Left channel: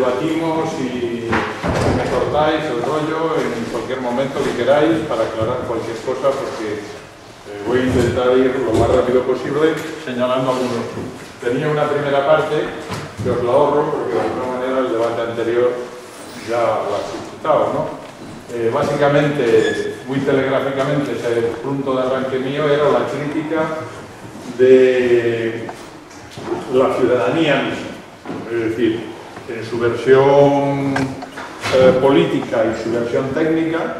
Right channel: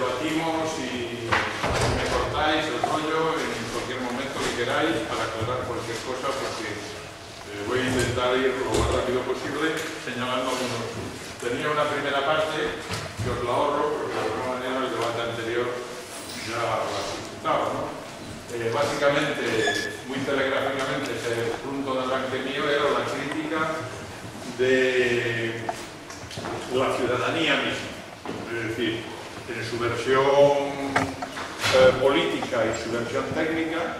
debatimos y me cortáis el rollo en cualquier momento que queráis para aclarar cualquier cosa, porque voy a intentar ir lo más rápido posible señalando algunos puntos. Tenía una primera parte que os la ahorro porque de alguna manera el debate anterior ya lo ha suscitado, ¿no? Básicamente, muy telegráficamente, el punto de arranque mío era la crítica de la ciudadanía misma, es decir, en su versión política y su versión técnica,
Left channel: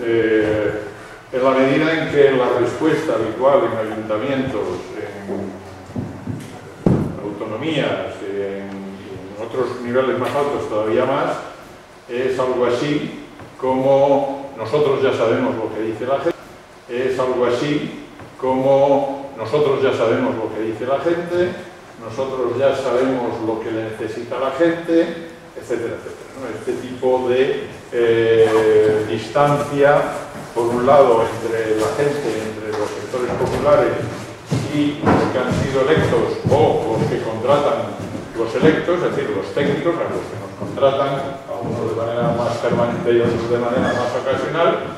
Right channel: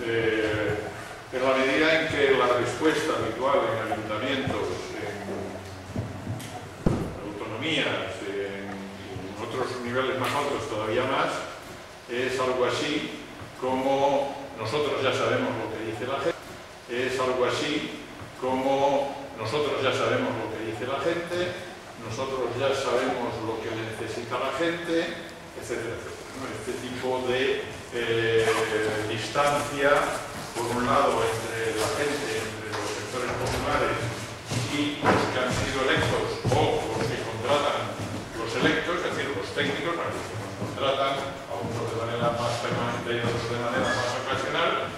en la medida en que la respuesta habitual en ayuntamientos, en autonomías, en otros niveles más altos todavía más, es algo así como nosotros ya sabemos lo que dice la gente, es algo así como nosotros ya sabemos lo que dice la gente, nosotros ya sabemos lo que necesita la gente, etcétera, etcétera, ¿no? Este tipo de distancia, por un lado, entre la gente, entre los sectores populares y los que han sido electos o los que contratan los electos, es decir, los técnicos, a los que nos contratan, a unos de manera más permanente y otros de manera más ocasional,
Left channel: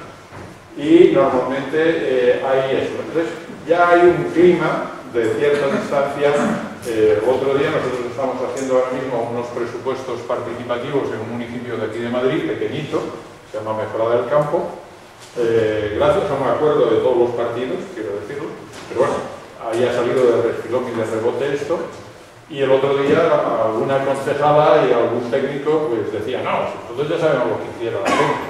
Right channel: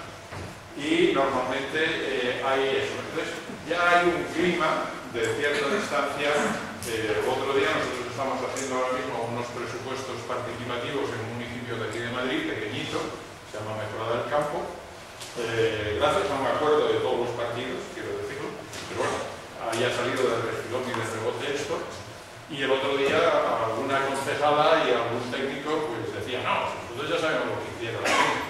y normalmente hay eso. Entonces, ya hay un clima de cierta distancia. El otro día nosotros estamos haciendo ahora mismo unos presupuestos participativos en un municipio de aquí de Madrid, pequeñito, se llama Mejorada del Campo, gracias a un acuerdo de todos los partidos, quiero decirlo, pero bueno, había salido de refilón y de rebote esto, y el otro día alguna concejala y algún técnico pues decía, no, nosotros ya sabemos lo que quiere la gente.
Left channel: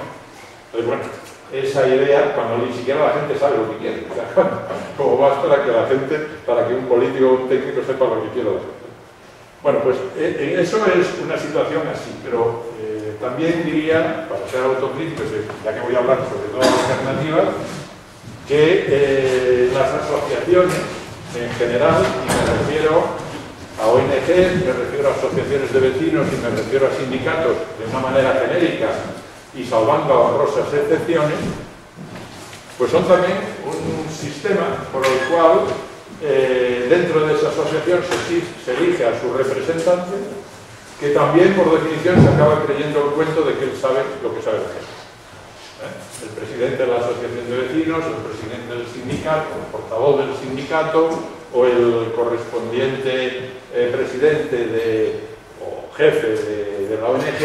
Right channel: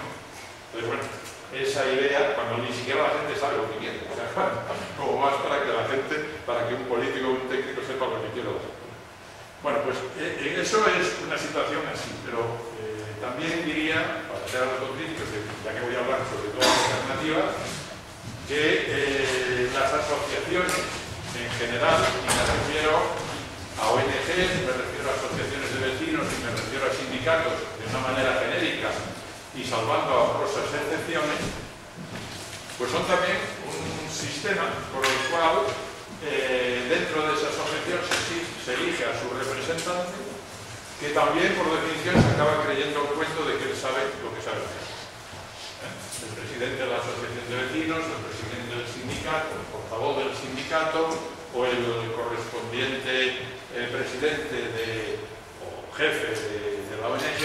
Entonces, bueno, esa idea, cuando ni siquiera la gente sabe lo que quiere, o sea, como más para que la gente, para que un político o un técnico sepa lo que quiere la gente. Bueno, pues eso es una situación así, pero también diría, para ser autocrítico, ya que voy a hablar sobre todo de alternativas, que las asociaciones en general, y me refiero a ONGs, me refiero a asociaciones de vecinos y me refiero a sindicatos de una manera genérica, y salvando a honrosas excepciones, pues son también un sistema por el cual dentro de esa asociación se elige a su representante, que también por definición se acaba creyendo el cuento de que él sabe lo que sabe hacer. El presidente de la asociación de vecinos, el presidente del sindicato, el portavoz del sindicato o el correspondiente presidente o jefe de la ONG,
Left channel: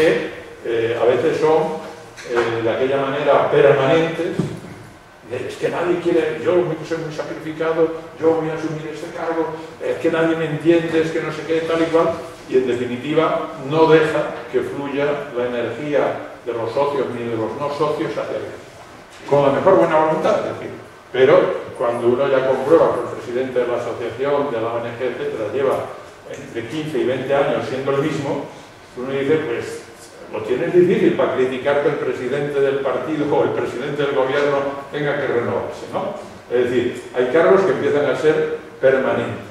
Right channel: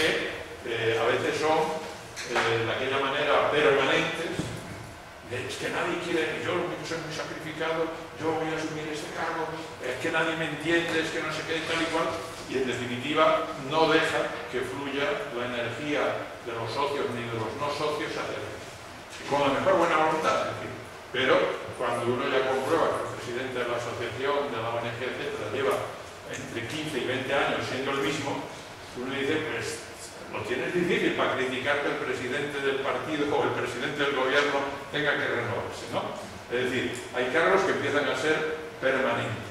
a veces son de aquella manera permanentes, es que nadie quiere, yo soy muy sacrificado, yo voy a asumir este cargo, es que nadie me entiende, es que no sé qué, tal y cual, y en definitiva no deja que fluya la energía de los socios ni de los no socios hacia adentro. Con la mejor buena voluntad, es decir, pero cuando uno ya comprueba que el presidente de la asociación, de la ONG, etcétera, lleva entre 15 y 20 años siendo el mismo, uno dice, pues, lo tienes difícil para criticar que el presidente del partido o el presidente del gobierno tenga que renovarse, ¿no? Es decir, hay cargos que empiezan a ser permanentes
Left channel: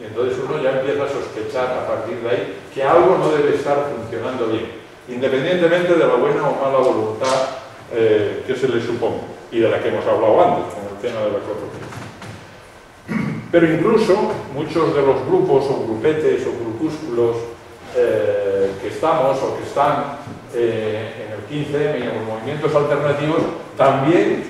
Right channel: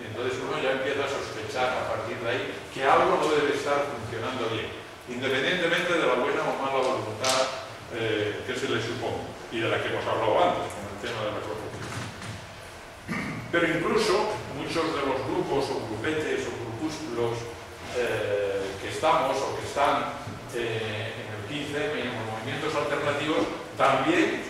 y entonces uno ya empieza a sospechar a partir de ahí que algo no debe estar funcionando bien, independientemente de la buena o mala voluntad que se le suponga y de la que hemos hablado antes con el tema de la corrupción. Pero incluso muchos de los grupos o grupetes o grupúsculos que estamos o que están en el 15M y en los movimientos alternativos también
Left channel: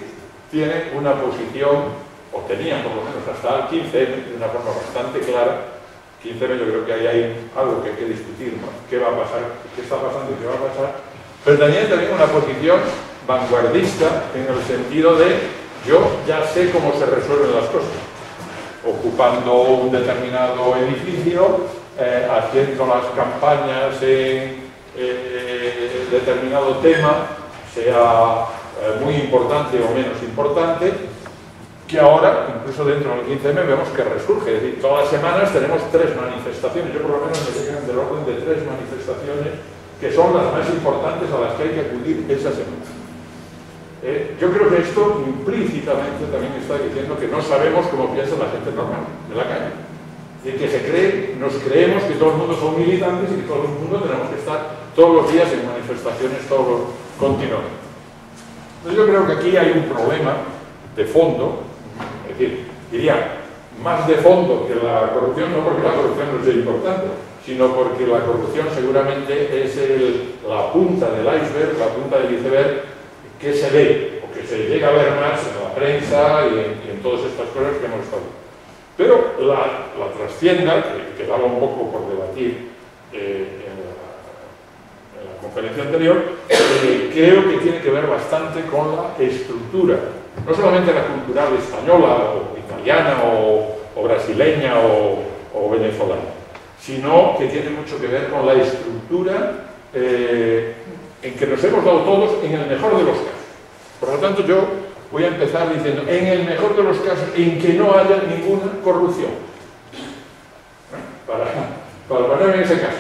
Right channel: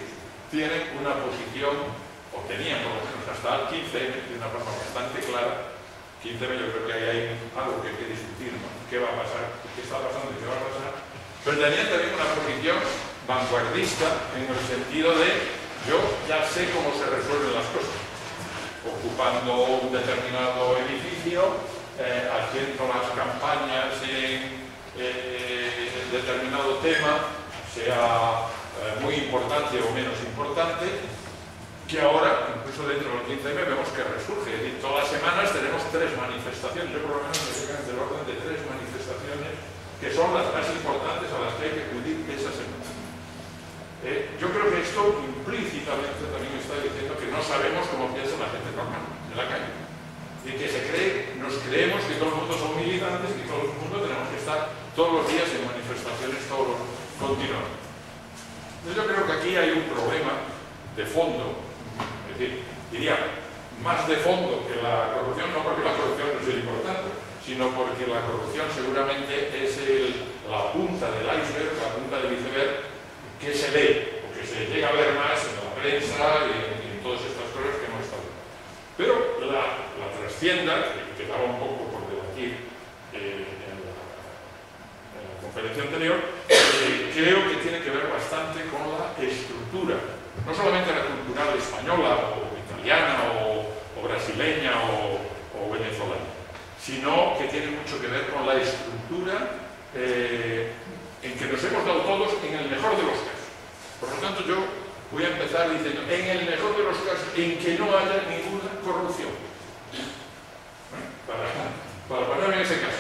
tienen una posición, o tenían por lo menos hasta el 15M, de una forma bastante clara. 15M yo creo que ahí hay algo que hay que discutir, ¿no? ¿Qué va a pasar? ¿Qué está pasando y qué va a pasar? Pero tenían también una posición vanguardista en el sentido de yo ya sé cómo se resuelven las cosas, ocupando un determinado edificio, haciendo las campañas en determinado tema, sea muy importante o menos importante, que ahora, incluso dentro del 15M, vemos que resurge. Es decir, todas las semanas tenemos 3 manifestaciones, yo por lo menos me llegan del orden de 3 manifestaciones que son las más importantes a las que hay que acudir esa semana. Yo creo que esto implícitamente también está diciendo que no sabemos cómo piensa la gente normal de la calle. Y que nos creemos que todo el mundo son militantes y que todo el mundo tenemos que estar todos los días en manifestaciones, todos continuamente. Entonces yo creo que aquí hay un problema de fondo, es decir, diría, más de fondo que la corrupción, no porque la corrupción no sea importante, sino porque la corrupción seguramente es la punta del iceberg, la punta del iceberg que se lee, o que se llega a ver más en la prensa y en todas estas cosas que hemos estado. Pero la trastienda, que quedaba un poco por debatir en la conferencia anterior, creo que tiene que ver bastante con la estructura, no solamente la cultural española, o italiana, o brasileña, o venezolana, sino que tiene mucho que ver con la estructura en que nos hemos dado todos en el mejor de los casos. Por lo tanto, yo voy a empezar diciendo, en el mejor de los casos, en que no haya ninguna corrupción. Para ponerme en ese caso.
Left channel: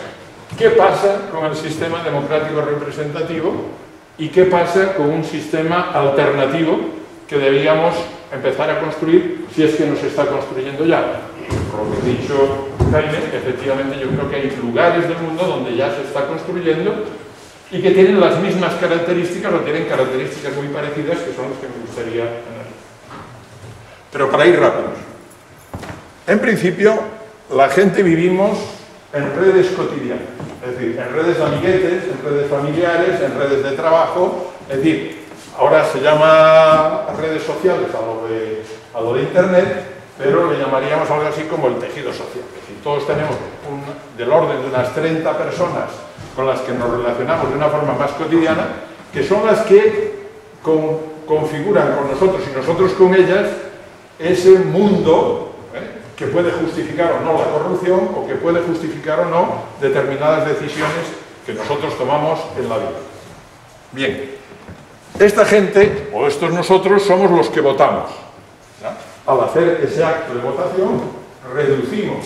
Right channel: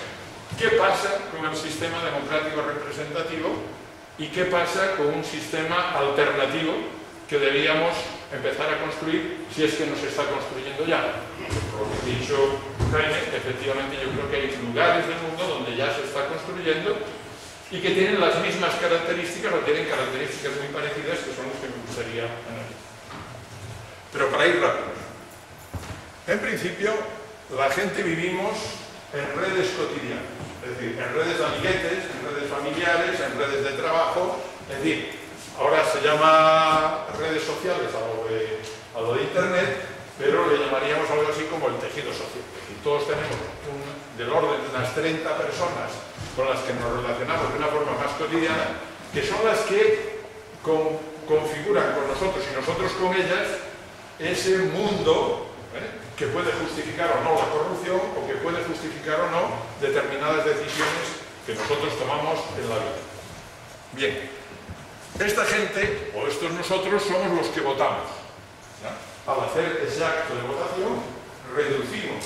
¿Qué pasa con el sistema democrático representativo y qué pasa con un sistema alternativo que debíamos empezar a construir si es que nos está construyendo ya? Por lo que ha dicho Jaime, efectivamente yo creo que hay lugares del mundo donde ya se está construyendo y que tienen las mismas características o tienen características muy parecidas, que son las que me gustaría analizar. Pero para ir rápidos. En principio, la gente vivimos en redes cotidianas, es decir, en redes de amiguetes, en redes familiares, en redes de trabajo, es decir, ahora se llama redes sociales a lo de Internet, pero le llamaríamos algo así como el tejido social. Es decir, todos tenemos del orden de unas 30 personas con las que nos relacionamos de una forma más cotidiana, que son las que configuran con nosotros y nosotros con ellas ese mundo que puede justificar o no la corrupción o que puede justificar o no determinadas decisiones que nosotros tomamos en la vida. Bien, esta gente, o estos nosotros, somos los que votamos. Al hacer ese acto de votación, reducimos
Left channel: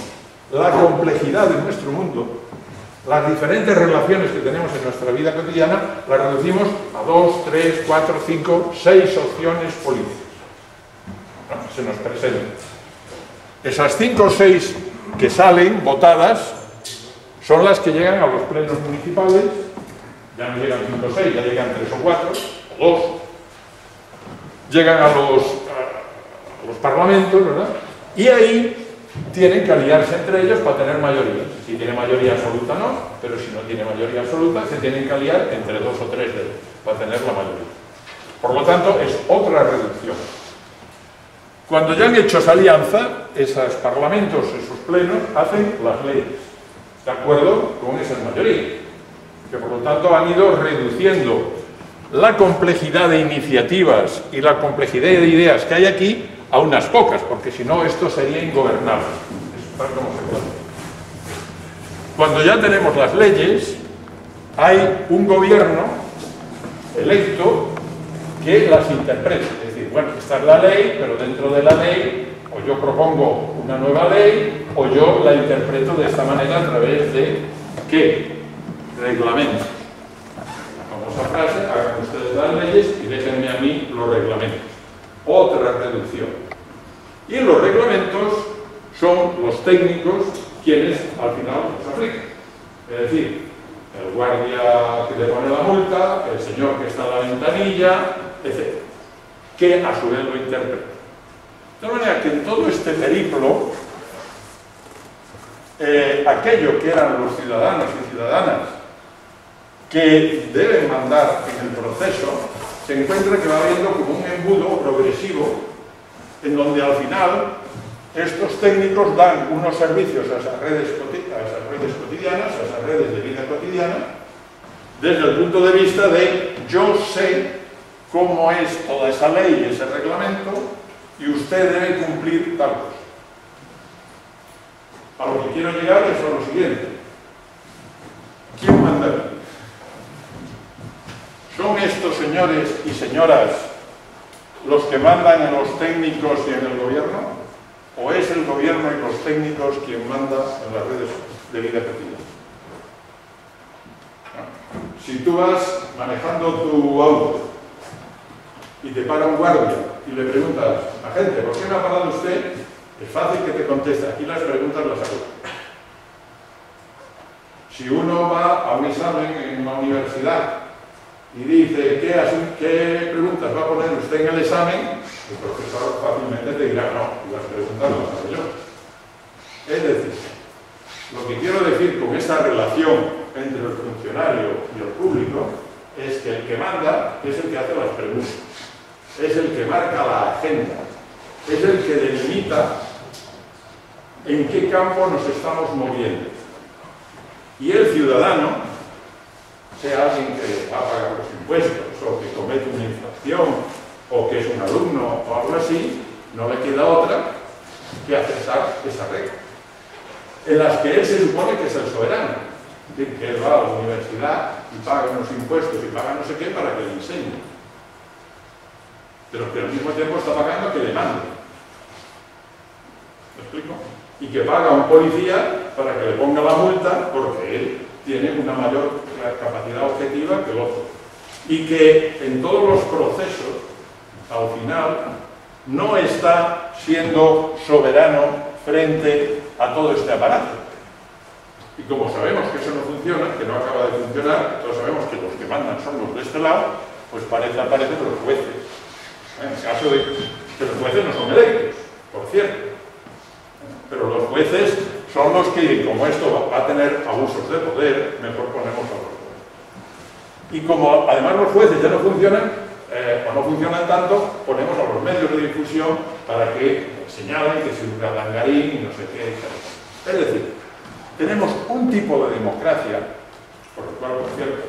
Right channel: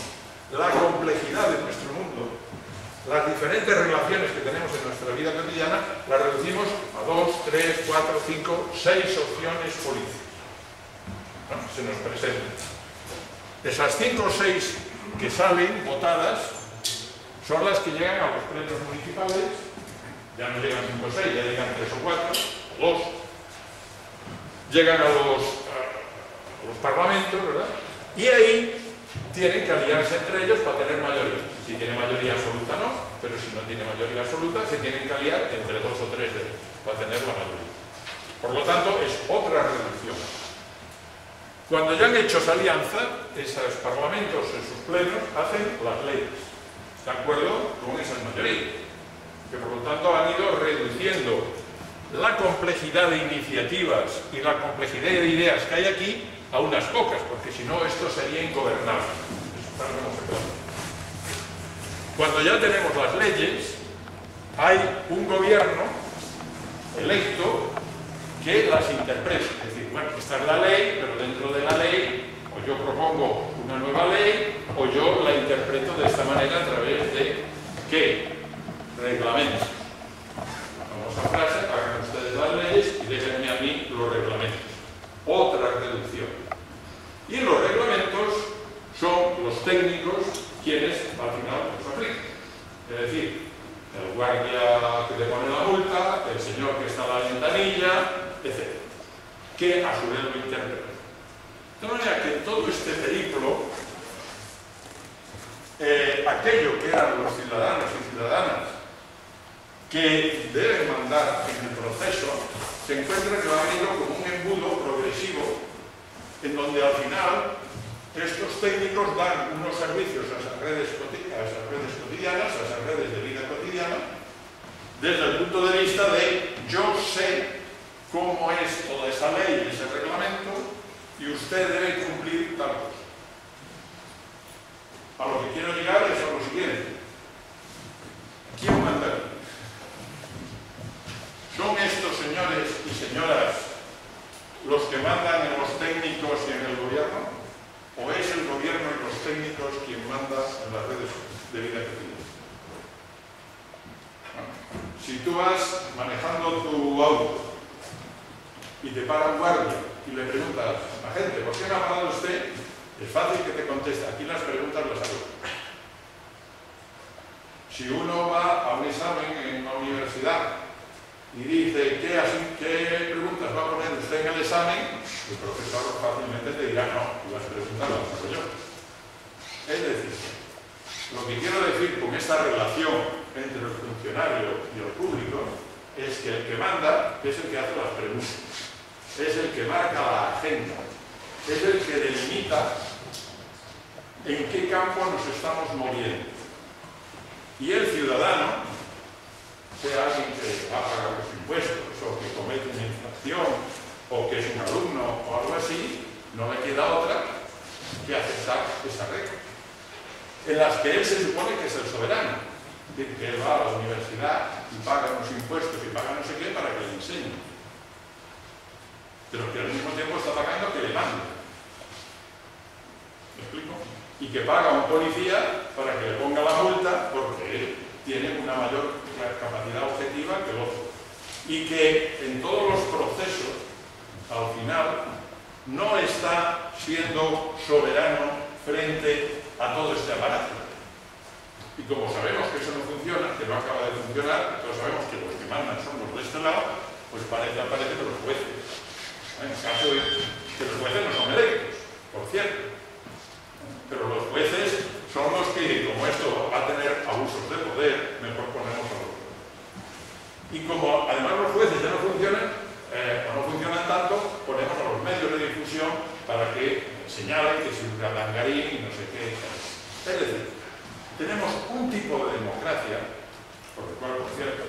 la complejidad de nuestro mundo, las diferentes relaciones que tenemos en nuestra vida cotidiana, las reducimos a 2, 3, 4, 5, 6 opciones políticas. Se nos presentan. Esas 5 o 6 que salen votadas son las que llegan a los plenos municipales. Ya no llegan 5 o 6, ya llegan 3 o 4, o 2. Llegan a los parlamentos, ¿verdad? Y ahí tienen que aliarse entre ellos para tener mayoría. Si tiene mayoría absoluta no, pero si no tiene mayoría absoluta se tienen que aliar entre 2 o 3 de ellos para tener la mayoría. Por lo tanto, es otra reducción. Cuando ya han hecho esa alianza, esos parlamentos, esos plenos, hacen las leyes, de acuerdo con esas mayorías, que por lo tanto han ido reduciendo la complejidad de iniciativas y la complejidad de ideas que hay aquí a unas pocas, porque si no esto sería ingobernable. Cuando ya tenemos las leyes, hay un gobierno electo que las interpreta. Es decir, bueno, esta es la ley, pero dentro de la ley, o yo propongo una nueva ley, o yo la interpreto de esta manera a través de ¿qué? Reglamentos. La famosa frase, hagan ustedes las leyes y déjenme a mí los reglamentos. Otra reducción. Y en los reglamentos son los técnicos quienes al final los aplican. Es decir, el guardia que le pone la multa, el señor que está en la ventanilla, etc. Que a su vez lo interpreta. De tal manera que en todo este periplo, aquello que eran los ciudadanos y ciudadanas que deben mandar en el proceso, se encuentra que va habiendo como un embudo progresivo en donde al final estos técnicos dan unos servicios a esas redes cotidianas, a esas redes de vida cotidiana, desde el punto de vista de yo sé cómo es toda esa ley y ese reglamento y usted debe cumplir tal cosa. A lo que quiero llegar es a lo siguiente. ¿Quién manda aquí? ¿Son estos señores y señoras los que mandan en los técnicos y en el gobierno? ¿O es el gobierno y los técnicos quien manda en las redes de vida cotidiana? Si tú vas manejando tu auto y te para un guardia y le preguntas a gente, ¿por qué me ha parado usted? Es fácil que te conteste. Aquí las preguntas las hago. Si uno va a un examen en la universidad y dice, ¿qué preguntas va a poner usted en el examen? El profesor fácilmente te dirá, no, y las preguntas las hago yo. Es decir, Lo que quiero decir con esta relación entre el funcionario y el público es que el que manda es el que hace las preguntas, es el que marca la agenda, es el que delimita en qué campo nos estamos moviendo. Y el ciudadano, sea alguien que va a pagar los impuestos o que comete una infracción o que es un alumno o algo así, no le queda otra que aceptar esa regla, en las que él se supone que es el soberano, es decir, que él va a la universidad y paga unos impuestos y paga no sé qué para que le enseñe, pero que al mismo tiempo está pagando que le mande. ¿Me explico? Y que paga a un policía para que le ponga la multa porque él tiene una mayor capacidad objetiva que el otro. Y que en todos los procesos, al final, no está siendo soberano frente a todo este aparato. Y como sabemos que eso no funciona, que no acaba de funcionar, que todos sabemos que los que mandan son los de este lado, pues aparecen los jueces. En el caso de que los jueces no son electos, por cierto. Pero los jueces son los que, como esto va a tener abusos de poder, mejor ponemos a los jueces. Y como además los jueces ya no funcionan, o no funcionan tanto, ponemos a los medios de difusión para que señalen que es un galangarín y no sé qué. Es decir, tenemos un tipo de democracia, por el cual, por cierto,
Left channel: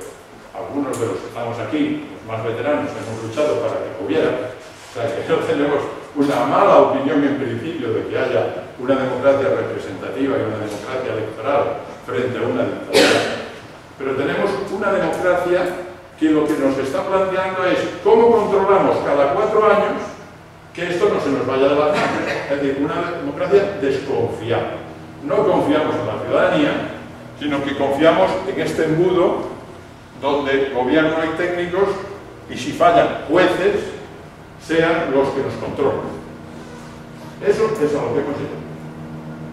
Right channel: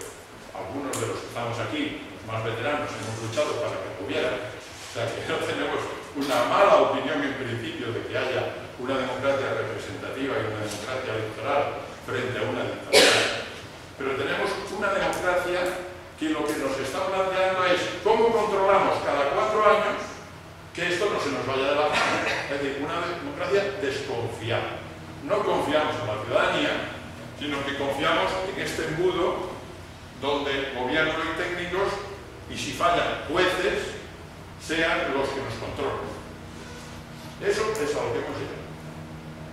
algunos de los que estamos aquí, los más veteranos, hemos luchado para que hubiera. O sea, que no tenemos una mala opinión en principio de que haya una democracia representativa y una democracia electoral frente a una dictadura. Pero tenemos una democracia que lo que nos está planteando es cómo controlamos cada 4 años que esto no se nos vaya de las manos. Es decir, una democracia desconfiada. No confiamos en la ciudadanía, sino que confiamos en este embudo donde gobierno y técnicos, y si fallan jueces, sean los que nos controlan. Eso es a lo que hemos llegado.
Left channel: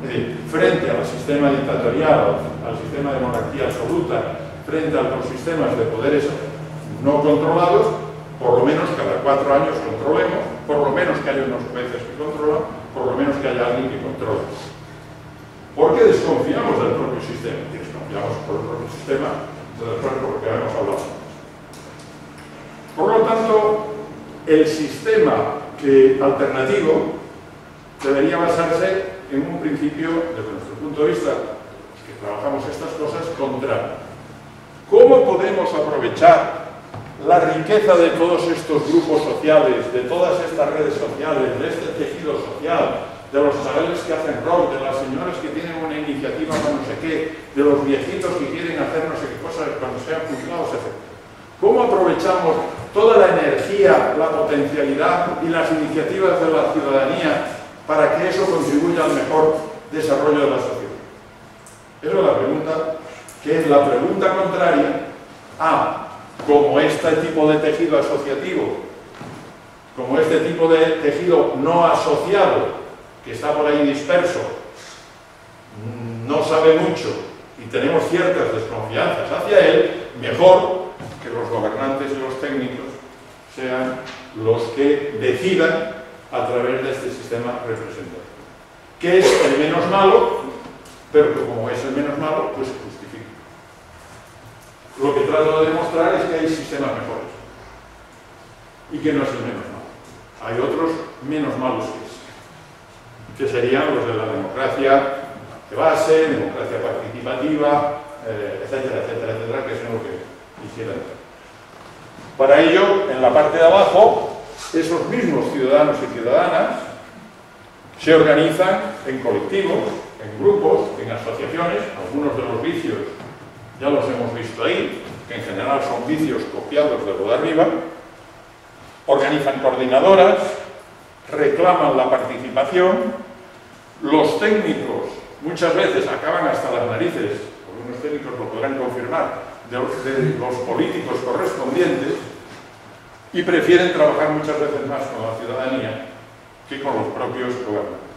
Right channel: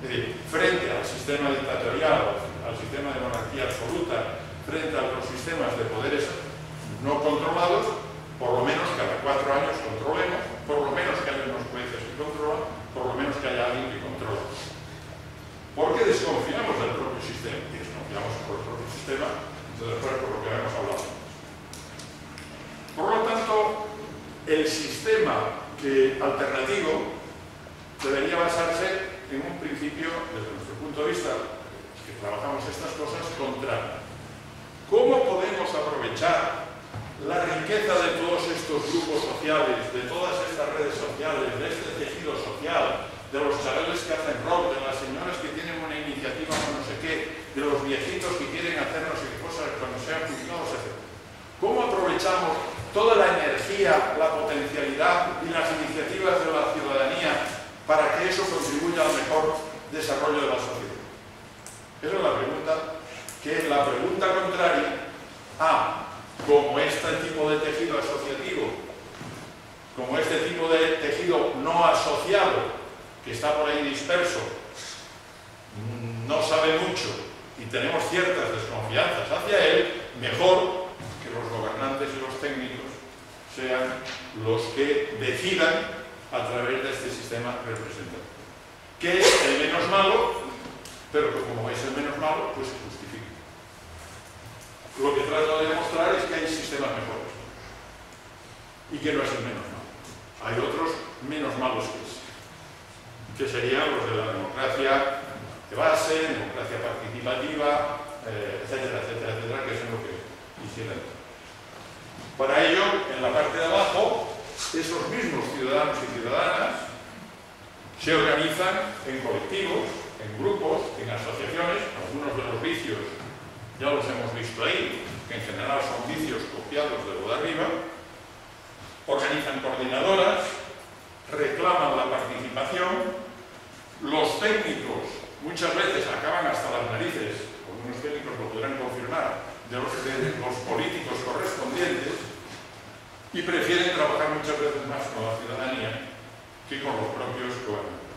Es decir, frente al sistema dictatorial, al sistema de monarquía absoluta, frente a los sistemas de poderes no controlados, por lo menos cada 4 años controlemos, por lo menos que haya unos jueces que controlan, por lo menos que haya alguien que controla. ¿Por qué desconfiamos del propio sistema? Y desconfiamos por el propio sistema, después por lo que hemos hablado. Por lo tanto, el sistema alternativo debería basarse en un principio, desde nuestro punto de vista, los que trabajamos estas cosas, contrario. ¿Cómo podemos aprovechar la riqueza de todos estos grupos sociales, de todas estas redes sociales, de este tejido social, de los chavales que hacen rock, de las señoras que tienen una iniciativa para no sé qué, de los viejitos que quieren hacer no sé qué cosas cuando sean juzgados, etc.? ¿Cómo aprovechamos toda la energía, la potencialidad y las iniciativas de la ciudadanía para que eso contribuya al mejor desarrollo de la sociedad? Esa es la pregunta, que es la pregunta contraria a cómo este tipo de tejido asociativo, como este tipo de tejido no asociado, que está por ahí disperso, no sabe mucho y tenemos ciertas desconfianzas hacia él, mejor que los gobernantes y los técnicos sean los que decidan a través de este sistema representativo, que es el menos malo, pero que como es el menos malo, pues se justifica. Lo que trato de demostrar es que hay sistemas mejores y que no es el menos malo. Hay otros menos malos que ese, que serían los de la democracia de base, democracia participativa, etcétera, etcétera, etcétera, que es en lo que quisiera entrar. Para ello, en la parte de abajo, esos mismos ciudadanos y ciudadanas se organizan en colectivos, en grupos, en asociaciones. Algunos de los vicios ya los hemos visto ahí, que en general son vicios copiados de lo de arriba. Organizan coordinadoras, reclaman la participación. Los técnicos muchas veces acaban hasta las narices, algunos técnicos lo podrán confirmar, de los políticos correspondientes, y prefieren trabajar muchas veces más con la ciudadanía que con los propios gobernantes.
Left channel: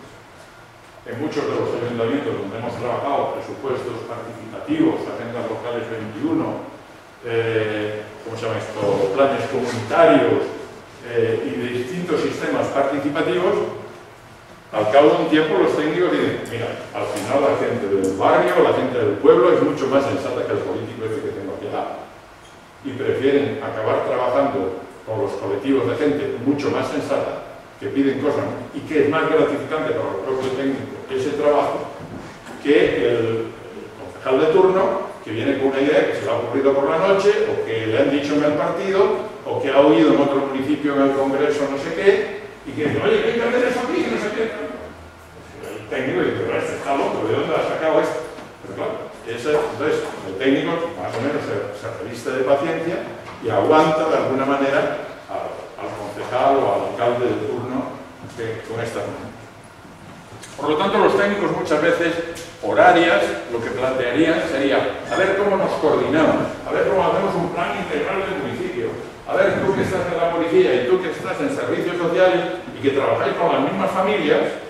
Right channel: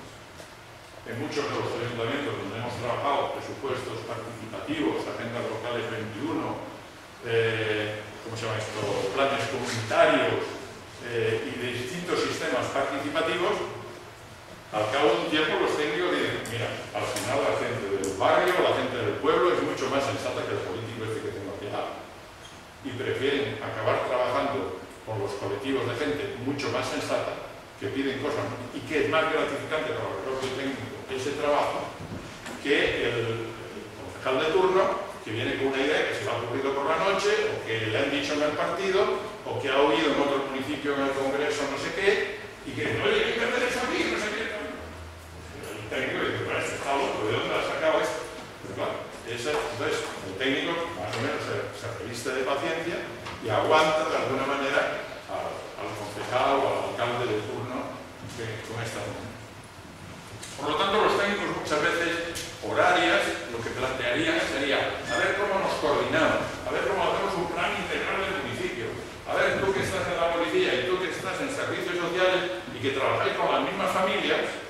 En muchos de los ayuntamientos donde hemos trabajado, presupuestos participativos, agendas locales 21, ¿cómo se llama esto?, planes comunitarios y de distintos sistemas participativos, Al cabo de un tiempo los técnicos dicen, mira, al final la gente del barrio, la gente del pueblo es mucho más sensata que el político este que tengo aquí al lado. Y prefieren acabar trabajando con los colectivos de gente mucho más sensata, que piden cosas y que es más gratificante para el propio técnico ese trabajo, que el concejal de turno que viene con una idea que se le ha ocurrido por la noche, o que le han dicho en el partido, o que ha oído en otro municipio en el congreso no sé qué, y que dice, oye, hay que hacer eso aquí, no sé qué. El técnico dice, pero este está loco, ¿de dónde ha sacado esto? Pero claro, entonces el técnico más o menos se reviste de paciencia y aguanta de alguna manera al concejal o al alcalde de turno con esta reunión. Por lo tanto, los técnicos muchas veces, por áreas, lo que plantearían sería a ver cómo nos coordinamos, a ver cómo hacemos un plan integral del municipio, a ver tú que estás en la policía y tú que estás en servicios sociales y que trabajáis con las mismas familias,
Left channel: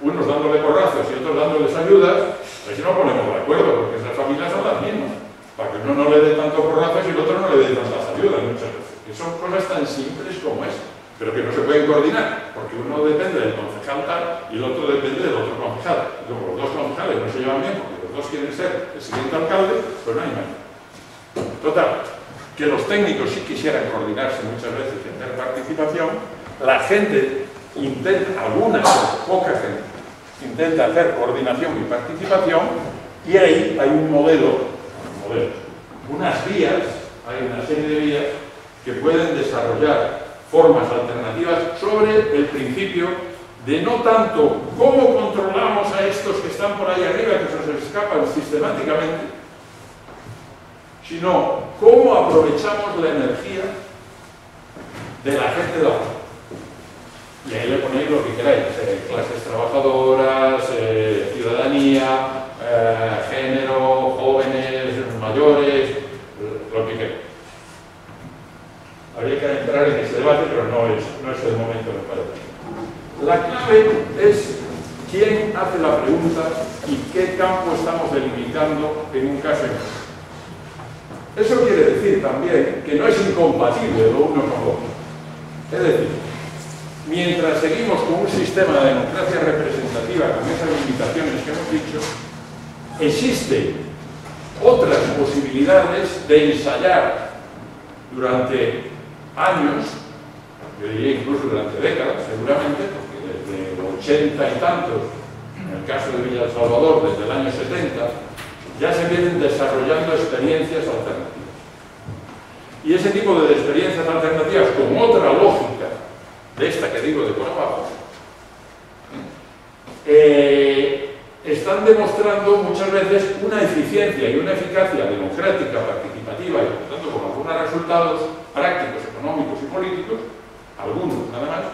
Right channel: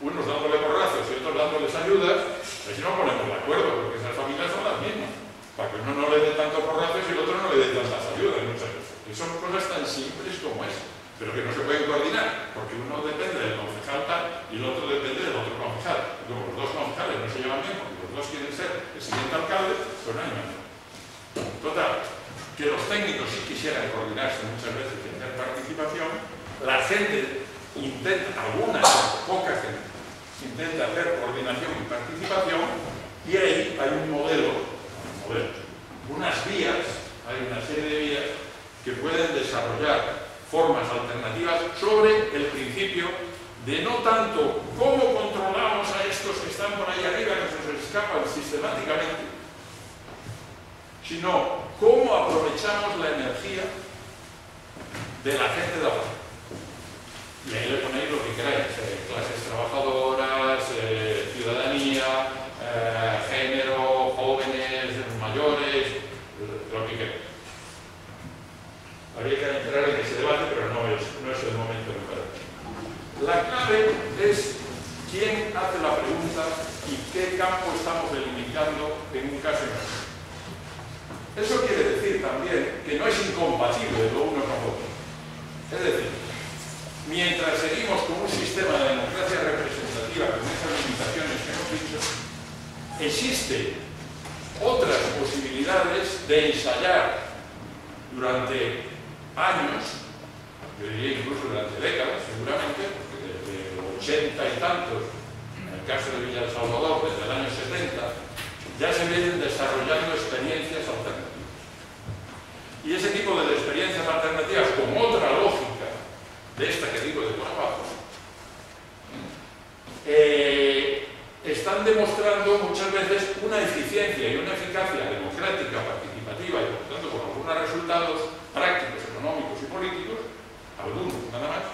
unos dándole porrazos y otros dándoles ayudas, a ver si no ponemos de acuerdo, porque esas familias son las mismas, para que uno no le dé tanto porrazos y el otro no le dé tantas ayudas muchas veces. Que son cosas tan simples como esa, pero que no se pueden coordinar, porque uno depende del concejal tal y el otro depende del otro concejal. Y como los dos concejales no se llevan bien, porque los dos quieren ser el siguiente alcalde, pues no hay manera. Total, que los técnicos sí quisieran coordinarse muchas veces y tener participación, la gente intenta, algunas, poca gente, intenta hacer coordinación y participación, y ahí hay un modelo, unas vías, hay una serie de vías que pueden desarrollar formas alternativas sobre el principio de no tanto cómo controlamos a estos que están por ahí arriba, que se nos escapan sistemáticamente, sino cómo aprovechamos la energía de la gente de abajo. Y ahí le ponéis lo que queráis, clases trabajadoras, ciudadanía, género, jóvenes, mayores, lo que queráis. Habría que entrar en ese debate, pero no es el momento, me parece. La clave es quién hace la pregunta y qué campo estamos delimitando en un caso y en otro. Eso quiere decir también que no es incompatible lo uno con lo otro. Es decir, mientras seguimos con un sistema de democracia representativa con esas limitaciones que hemos dicho, existen otras posibilidades de ensayar durante años, yo diría incluso durante décadas, seguramente, porque desde los 80 y tantos, en el caso de Villa El Salvador, desde el año 70, ya se vienen desarrollando experiencias alternativas. Y ese tipo de experiencias alternativas, con otra lógica de esta que digo de por abajo, están demostrando muchas veces una eficiencia y una eficacia democrática, participativa y por lo tanto con algunos resultados prácticos, económicos y políticos, algunos nada más,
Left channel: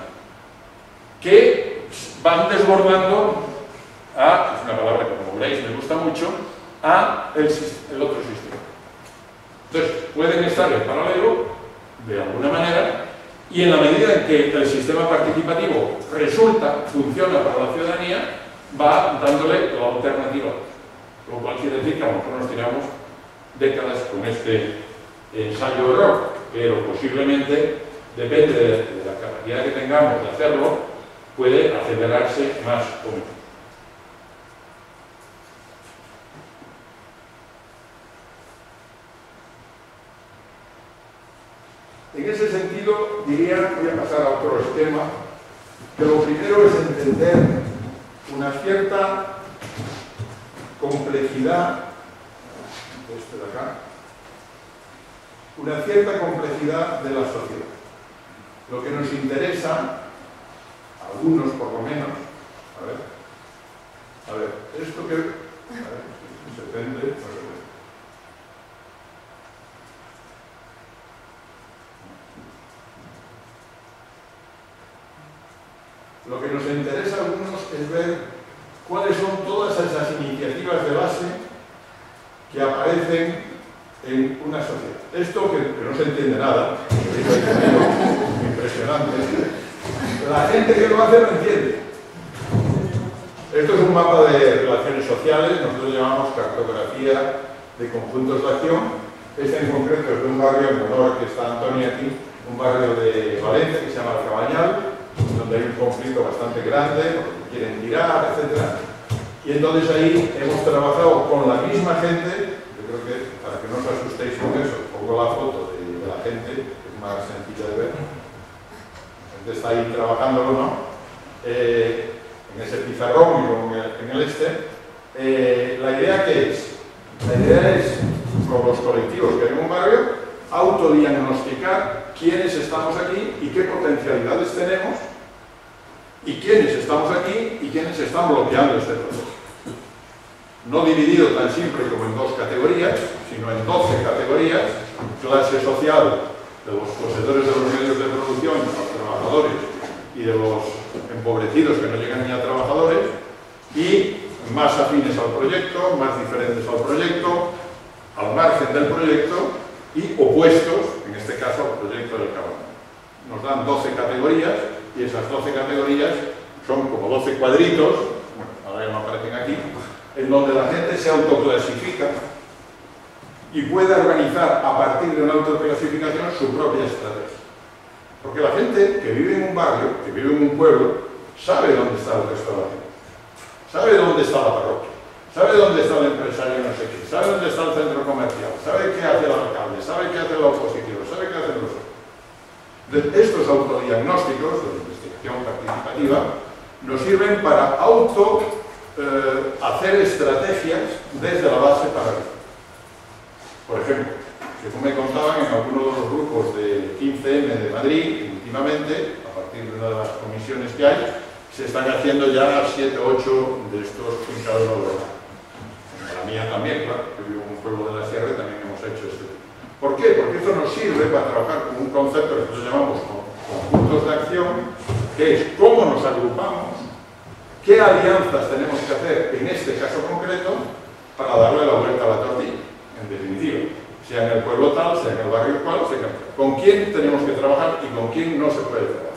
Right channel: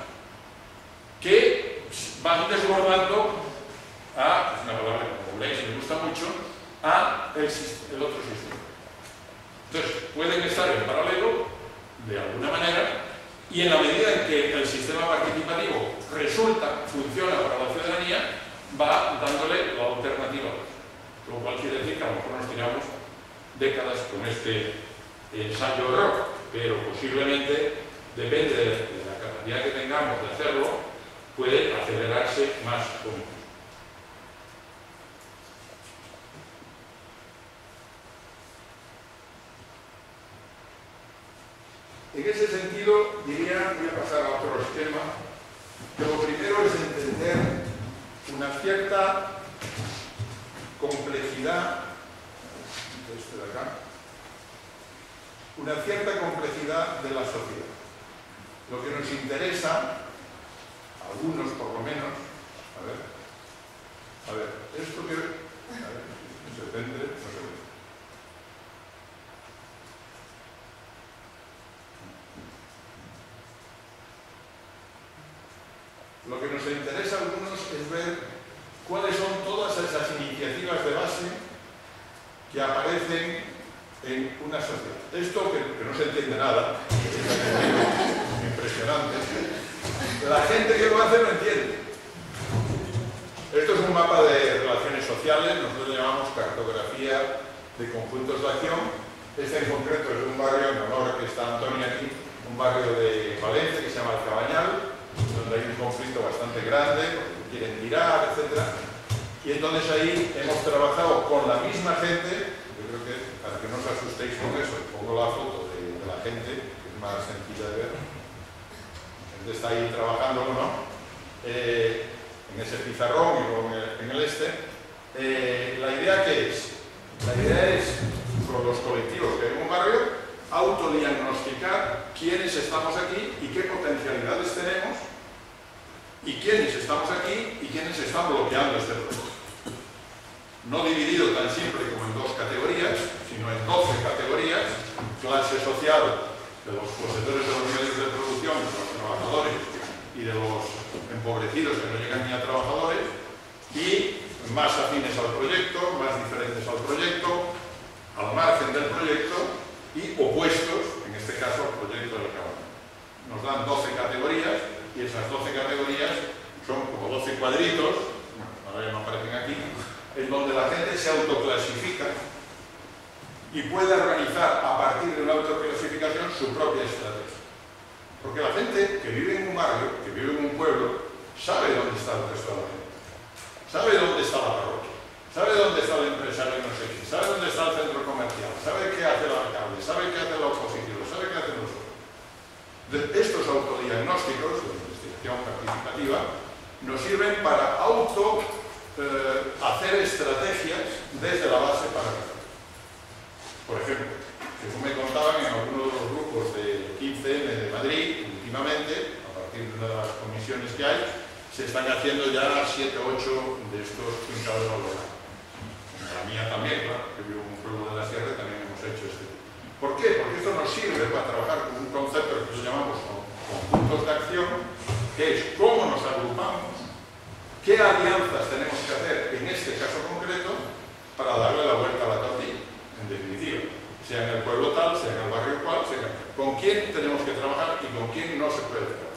que van desbordando a, es una palabra que como veis me gusta mucho, a el otro sistema. Entonces, pueden estar en paralelo, de alguna manera, y en la medida en que el sistema participativo funciona para la ciudadanía, va dándole la alternativa. Lo cual quiere decir que a lo mejor nos tiramos décadas con este ensayo-error, pero posiblemente, depende de la capacidad que tengamos de hacerlo, puede acelerarse más o menos. En ese sentido, diría, voy a pasar a otro esquema, que lo primero es entender una cierta complejidad, de la sociedad. Lo que nos interesa, a algunos por lo menos, a ver, esto que, se prende, no se prende. Lo que nos interesa a algunos es ver cuáles son todas esas iniciativas de base que aparecen en una sociedad. Esto que no se entiende nada, es impresionante. La gente que lo hace no entiende. Esto es un mapa de relaciones sociales, nosotros lo llamamos cartografía de conjuntos de acción. Este en concreto es de un barrio, en honor a que está Antonio aquí, un barrio de Valencia que se llama El Cabañal, donde hay un conflicto bastante grande, porque quieren tirar, etc. Y entonces ahí hemos trabajado con la misma gente. Yo creo que, para que no os asustéis con eso, pongo la foto de la gente, que es más sencilla de ver. La gente está ahí trabajando, ¿no? En ese pizarrón y en el ¿la idea qué es? La idea es, con los colectivos que hay en un barrio, autodiagnosticar quiénes estamos aquí y qué potencialidades tenemos, y quiénes estamos aquí y quiénes están bloqueando este proceso. No dividido tan simple como en 2 categorías, sino en 12 categorías: clase social de los poseedores de los medios de producción, de los trabajadores y de los empobrecidos que no llegan ni a trabajadores, y más afines al proyecto, más diferentes al proyecto, al margen del proyecto, y opuestos, en este caso, al proyecto del Cabanel. Nos dan 12 categorías, y esas 12 categorías son como 12 cuadritos, bueno, ahora ya no aparecen aquí, en donde la gente se autoclasifica y puede organizar a partir de una autoclasificación su propia estrategia. Porque la gente que vive en un barrio, que vive en un pueblo, sabe dónde está el resto de la gente. Sabe dónde está la parroquia, sabe dónde está el empresario no sé qué, sabe dónde está el centro comercial, sabe qué hace el alcalde, sabe qué hace la oposición, sabe qué hacen los otros. Estos autodiagnósticos de investigación participativa nos sirven para hacer estrategias desde la base para arriba. Por ejemplo, según me contaban en algunos de los grupos del 15M de Madrid, últimamente, a partir de una de las comisiones que hay, se están haciendo ya 7 o 8 de estos fincados de los lados. La mía también, claro, que vivo en un pueblo de la sierra, también hemos hecho este tipo. ¿Por qué? Porque esto nos sirve para trabajar con un concepto que nosotros llamamos conjuntos de acción, que es cómo nos agrupamos, qué alianzas tenemos que hacer en este caso concreto para darle la vuelta a la tortilla, en definitiva. Sea en el pueblo tal, sea en el barrio cual, con quién tenemos que trabajar y con quién no se puede trabajar.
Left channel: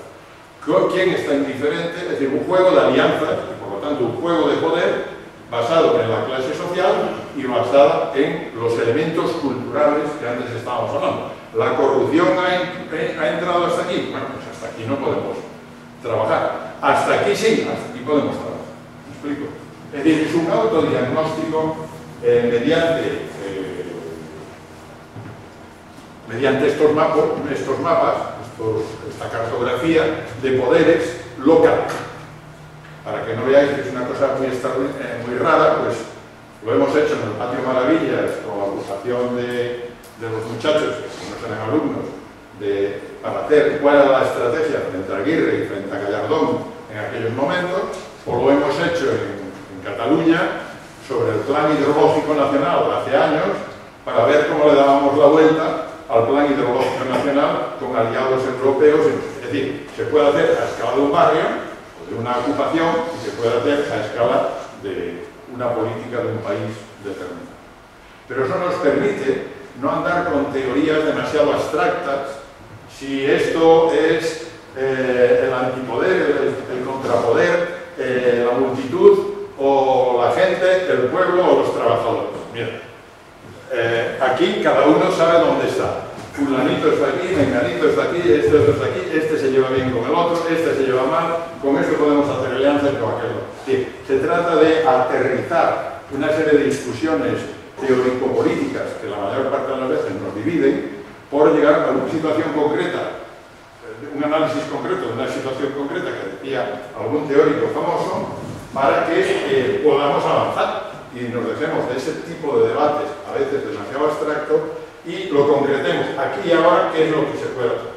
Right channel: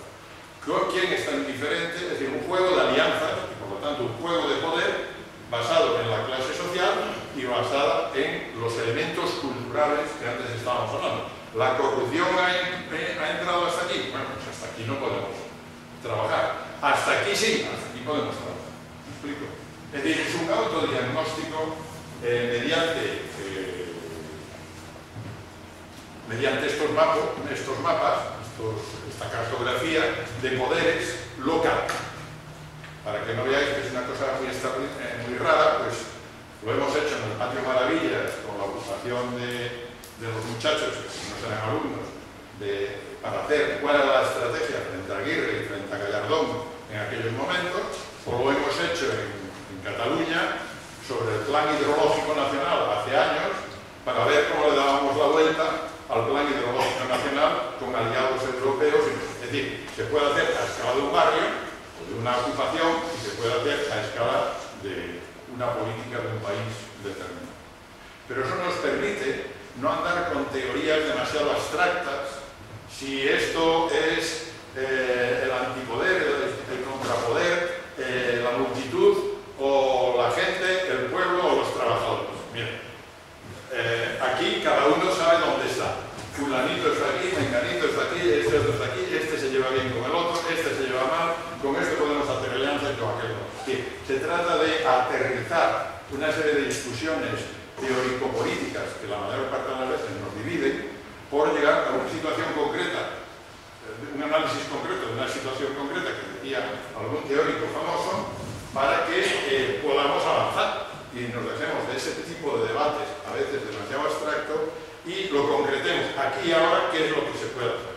Con quién está indiferente, es decir, un juego de alianzas y por lo tanto un juego de poder basado en la clase social y basada en los elementos culturales que antes estábamos hablando. ¿La corrupción ha entrado hasta aquí? Bueno, pues hasta aquí no podemos trabajar. Hasta aquí sí, hasta aquí podemos trabajar. ¿Me explico? Es decir, es un autodiagnóstico mediante estos mapas, esta cartografía de poderes locales. Para que no veáis que es una cosa muy rara, pues lo hemos hecho en el Patio Maravillas con la agrupación de los muchachos, que no serán alumnos, para hacer cuál era la estrategia frente a Aguirre y frente a Gallardón en aquellos momentos, o lo hemos hecho en Cataluña sobre el Plan Hidrológico Nacional hace años, para ver cómo le dábamos la vuelta al Plan Hidrológico Nacional con aliados europeos. Es decir, se puede hacer a escala de un barrio o de una ocupación y se puede hacer a escala de una política de un país determinado. Pero eso nos permite no andar con teorías demasiado abstractas. Si esto es el antipoder, el contrapoder, la multitud o la gente, el pueblo o los trabajadores. Mira, aquí cada uno sabe dónde está. Fulanito está aquí, menganito está aquí, este otro está aquí, este se lleva bien con el otro, este se lleva mal, con esto podemos hacer alianza y con aquello. Sí, se trata de aterrizar una serie de discusiones teórico-políticas que la mayor parte de las veces nos dividen por llegar a una situación concreta, un análisis concreto de una situación concreta que decía algún teórico famoso, para que podamos avanzar y nos dejemos de ese tipo de debates a veces demasiado abstracto y lo concretemos aquí y ahora qué es lo que se puede hacer,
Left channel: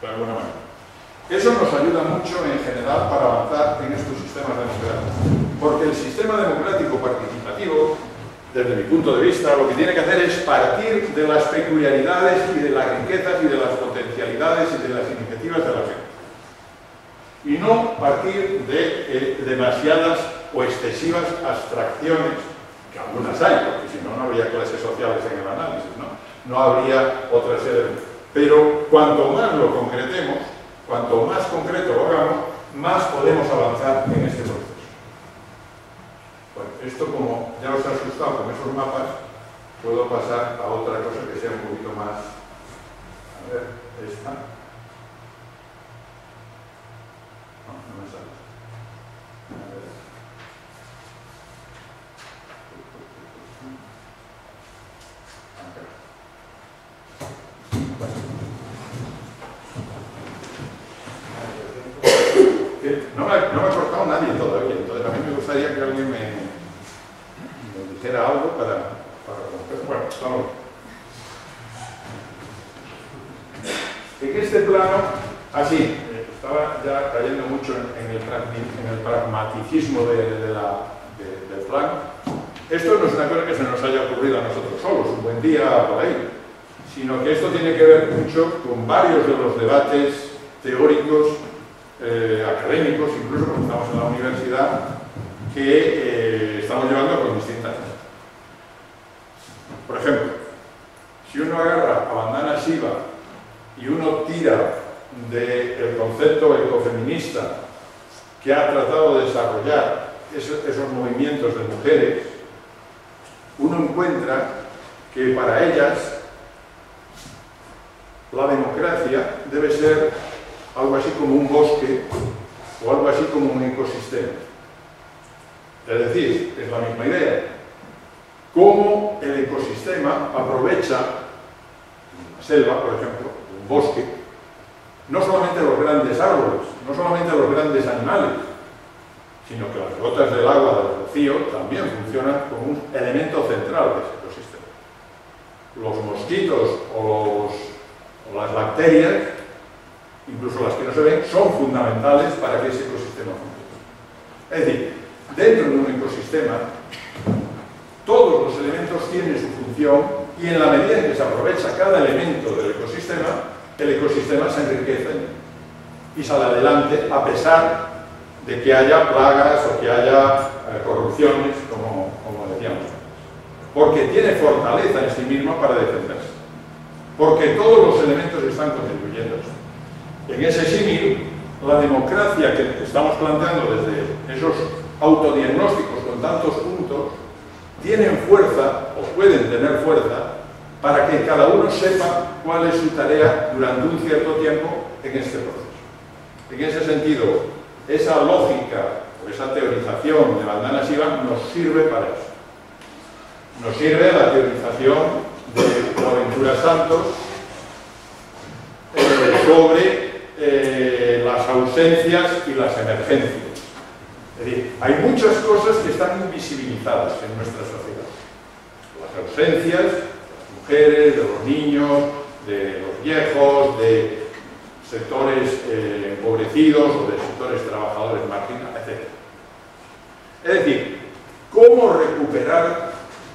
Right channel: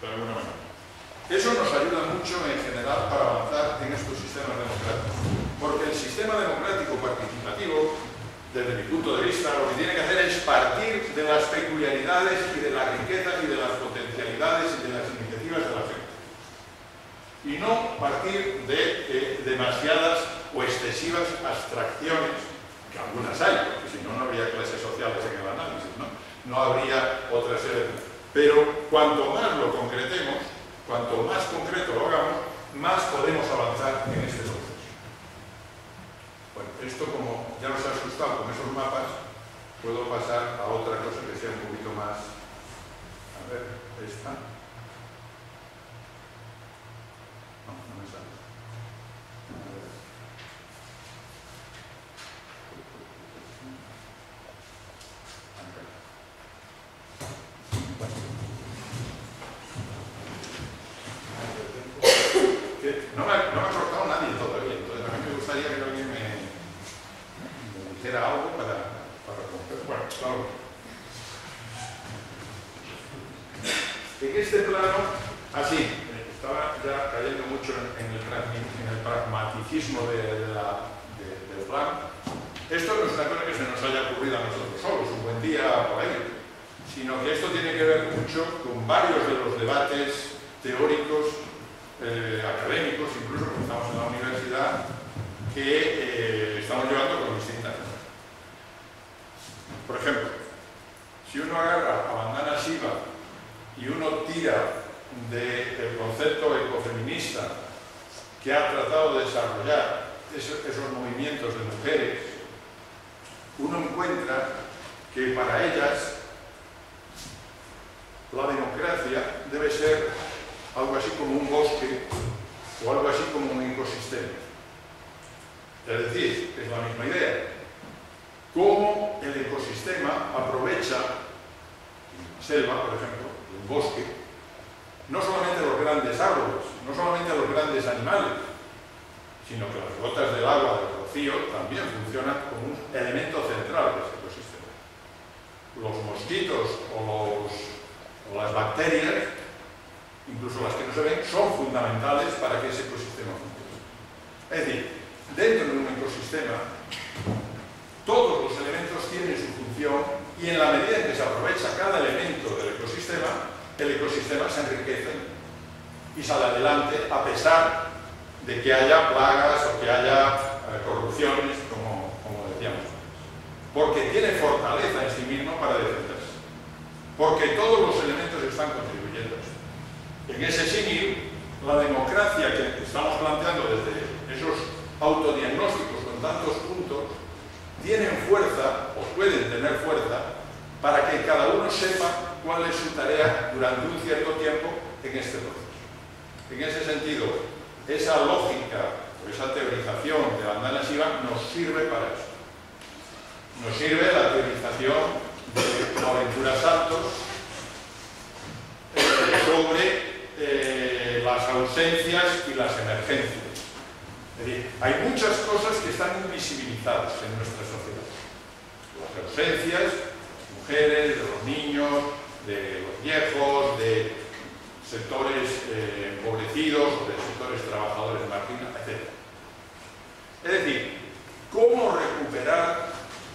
de alguna manera. Eso nos ayuda mucho en general para avanzar en estos sistemas democráticos, porque el sistema democrático participativo, desde mi punto de vista, lo que tiene que hacer es partir de las peculiaridades y de las riquezas y de las potencialidades y de las iniciativas de la gente. Y no partir de demasiadas o excesivas abstracciones, que algunas hay, porque si no, no habría clases sociales en el análisis, no habría otra serie. Pero cuanto más lo concretemos, cuanto más concreto lo hagamos, más podemos avanzar en este proceso. Bueno, esto como ya os ha asustado con esos mapas, puedo pasar a otra cosa que sea un poquito más... A ver, esta... No me sale. A ver. gustaría que alguien me dijera algo para romper. Bueno, vamos. En este plano, así, estaba ya cayendo mucho en el pragmaticismo del plan. Esto no es una cosa que se nos haya ocurrido a nosotros solos, un buen día por ahí, sino que esto tiene que ver mucho con varios de los debates teóricos, académicos, incluso porque estamos en la universidad, que estamos llevando con distintas cosas. Por ejemplo, si uno agarra a Vandana Shiva y uno tira del concepto ecofeminista que ha tratado de desarrollar esos movimientos de mujeres, uno encuentra que para ellas la democracia debe ser algo así como un bosque o algo así como un ecosistema. Es decir, es la misma idea. Cómo el ecosistema aprovecha una selva, por ejemplo, un bosque, no solamente los grandes árboles, no solamente los grandes animales, sino que las gotas del agua del rocío también funcionan como un elemento central de ese ecosistema. Los mosquitos o las bacterias, incluso las que no se ven, son fundamentales para que ese ecosistema funcione. Es decir, dentro de un ecosistema, todos los elementos tienen su función y en la medida en que se aprovecha cada elemento del ecosistema, el ecosistema se enriquece y sale adelante a pesar de que haya plagas o que haya corrupciones, como decíamos antes. Porque tiene fortaleza en sí mismo para defenderse. Porque todos los elementos están contribuyendo a esto. En ese símil, la democracia que estamos planteando desde esos autodiagnósticos con tantos puntos, tienen fuerza, o pueden tener fuerza, para que cada uno sepa cuál es su tarea durante un cierto tiempo en este proceso. En ese sentido, esa lógica o esa teorización de Vandana Shiva nos sirve para eso. Nos sirve la teorización de Boaventura Santos sobre las ausencias y las emergencias. Es decir, hay muchas cosas que están invisibilizadas en nuestra sociedad. Las ausencias de las mujeres, de los niños, de los viejos, de sectores empobrecidos o de sectores trabajadores marginados, etc. Es decir, cómo recuperar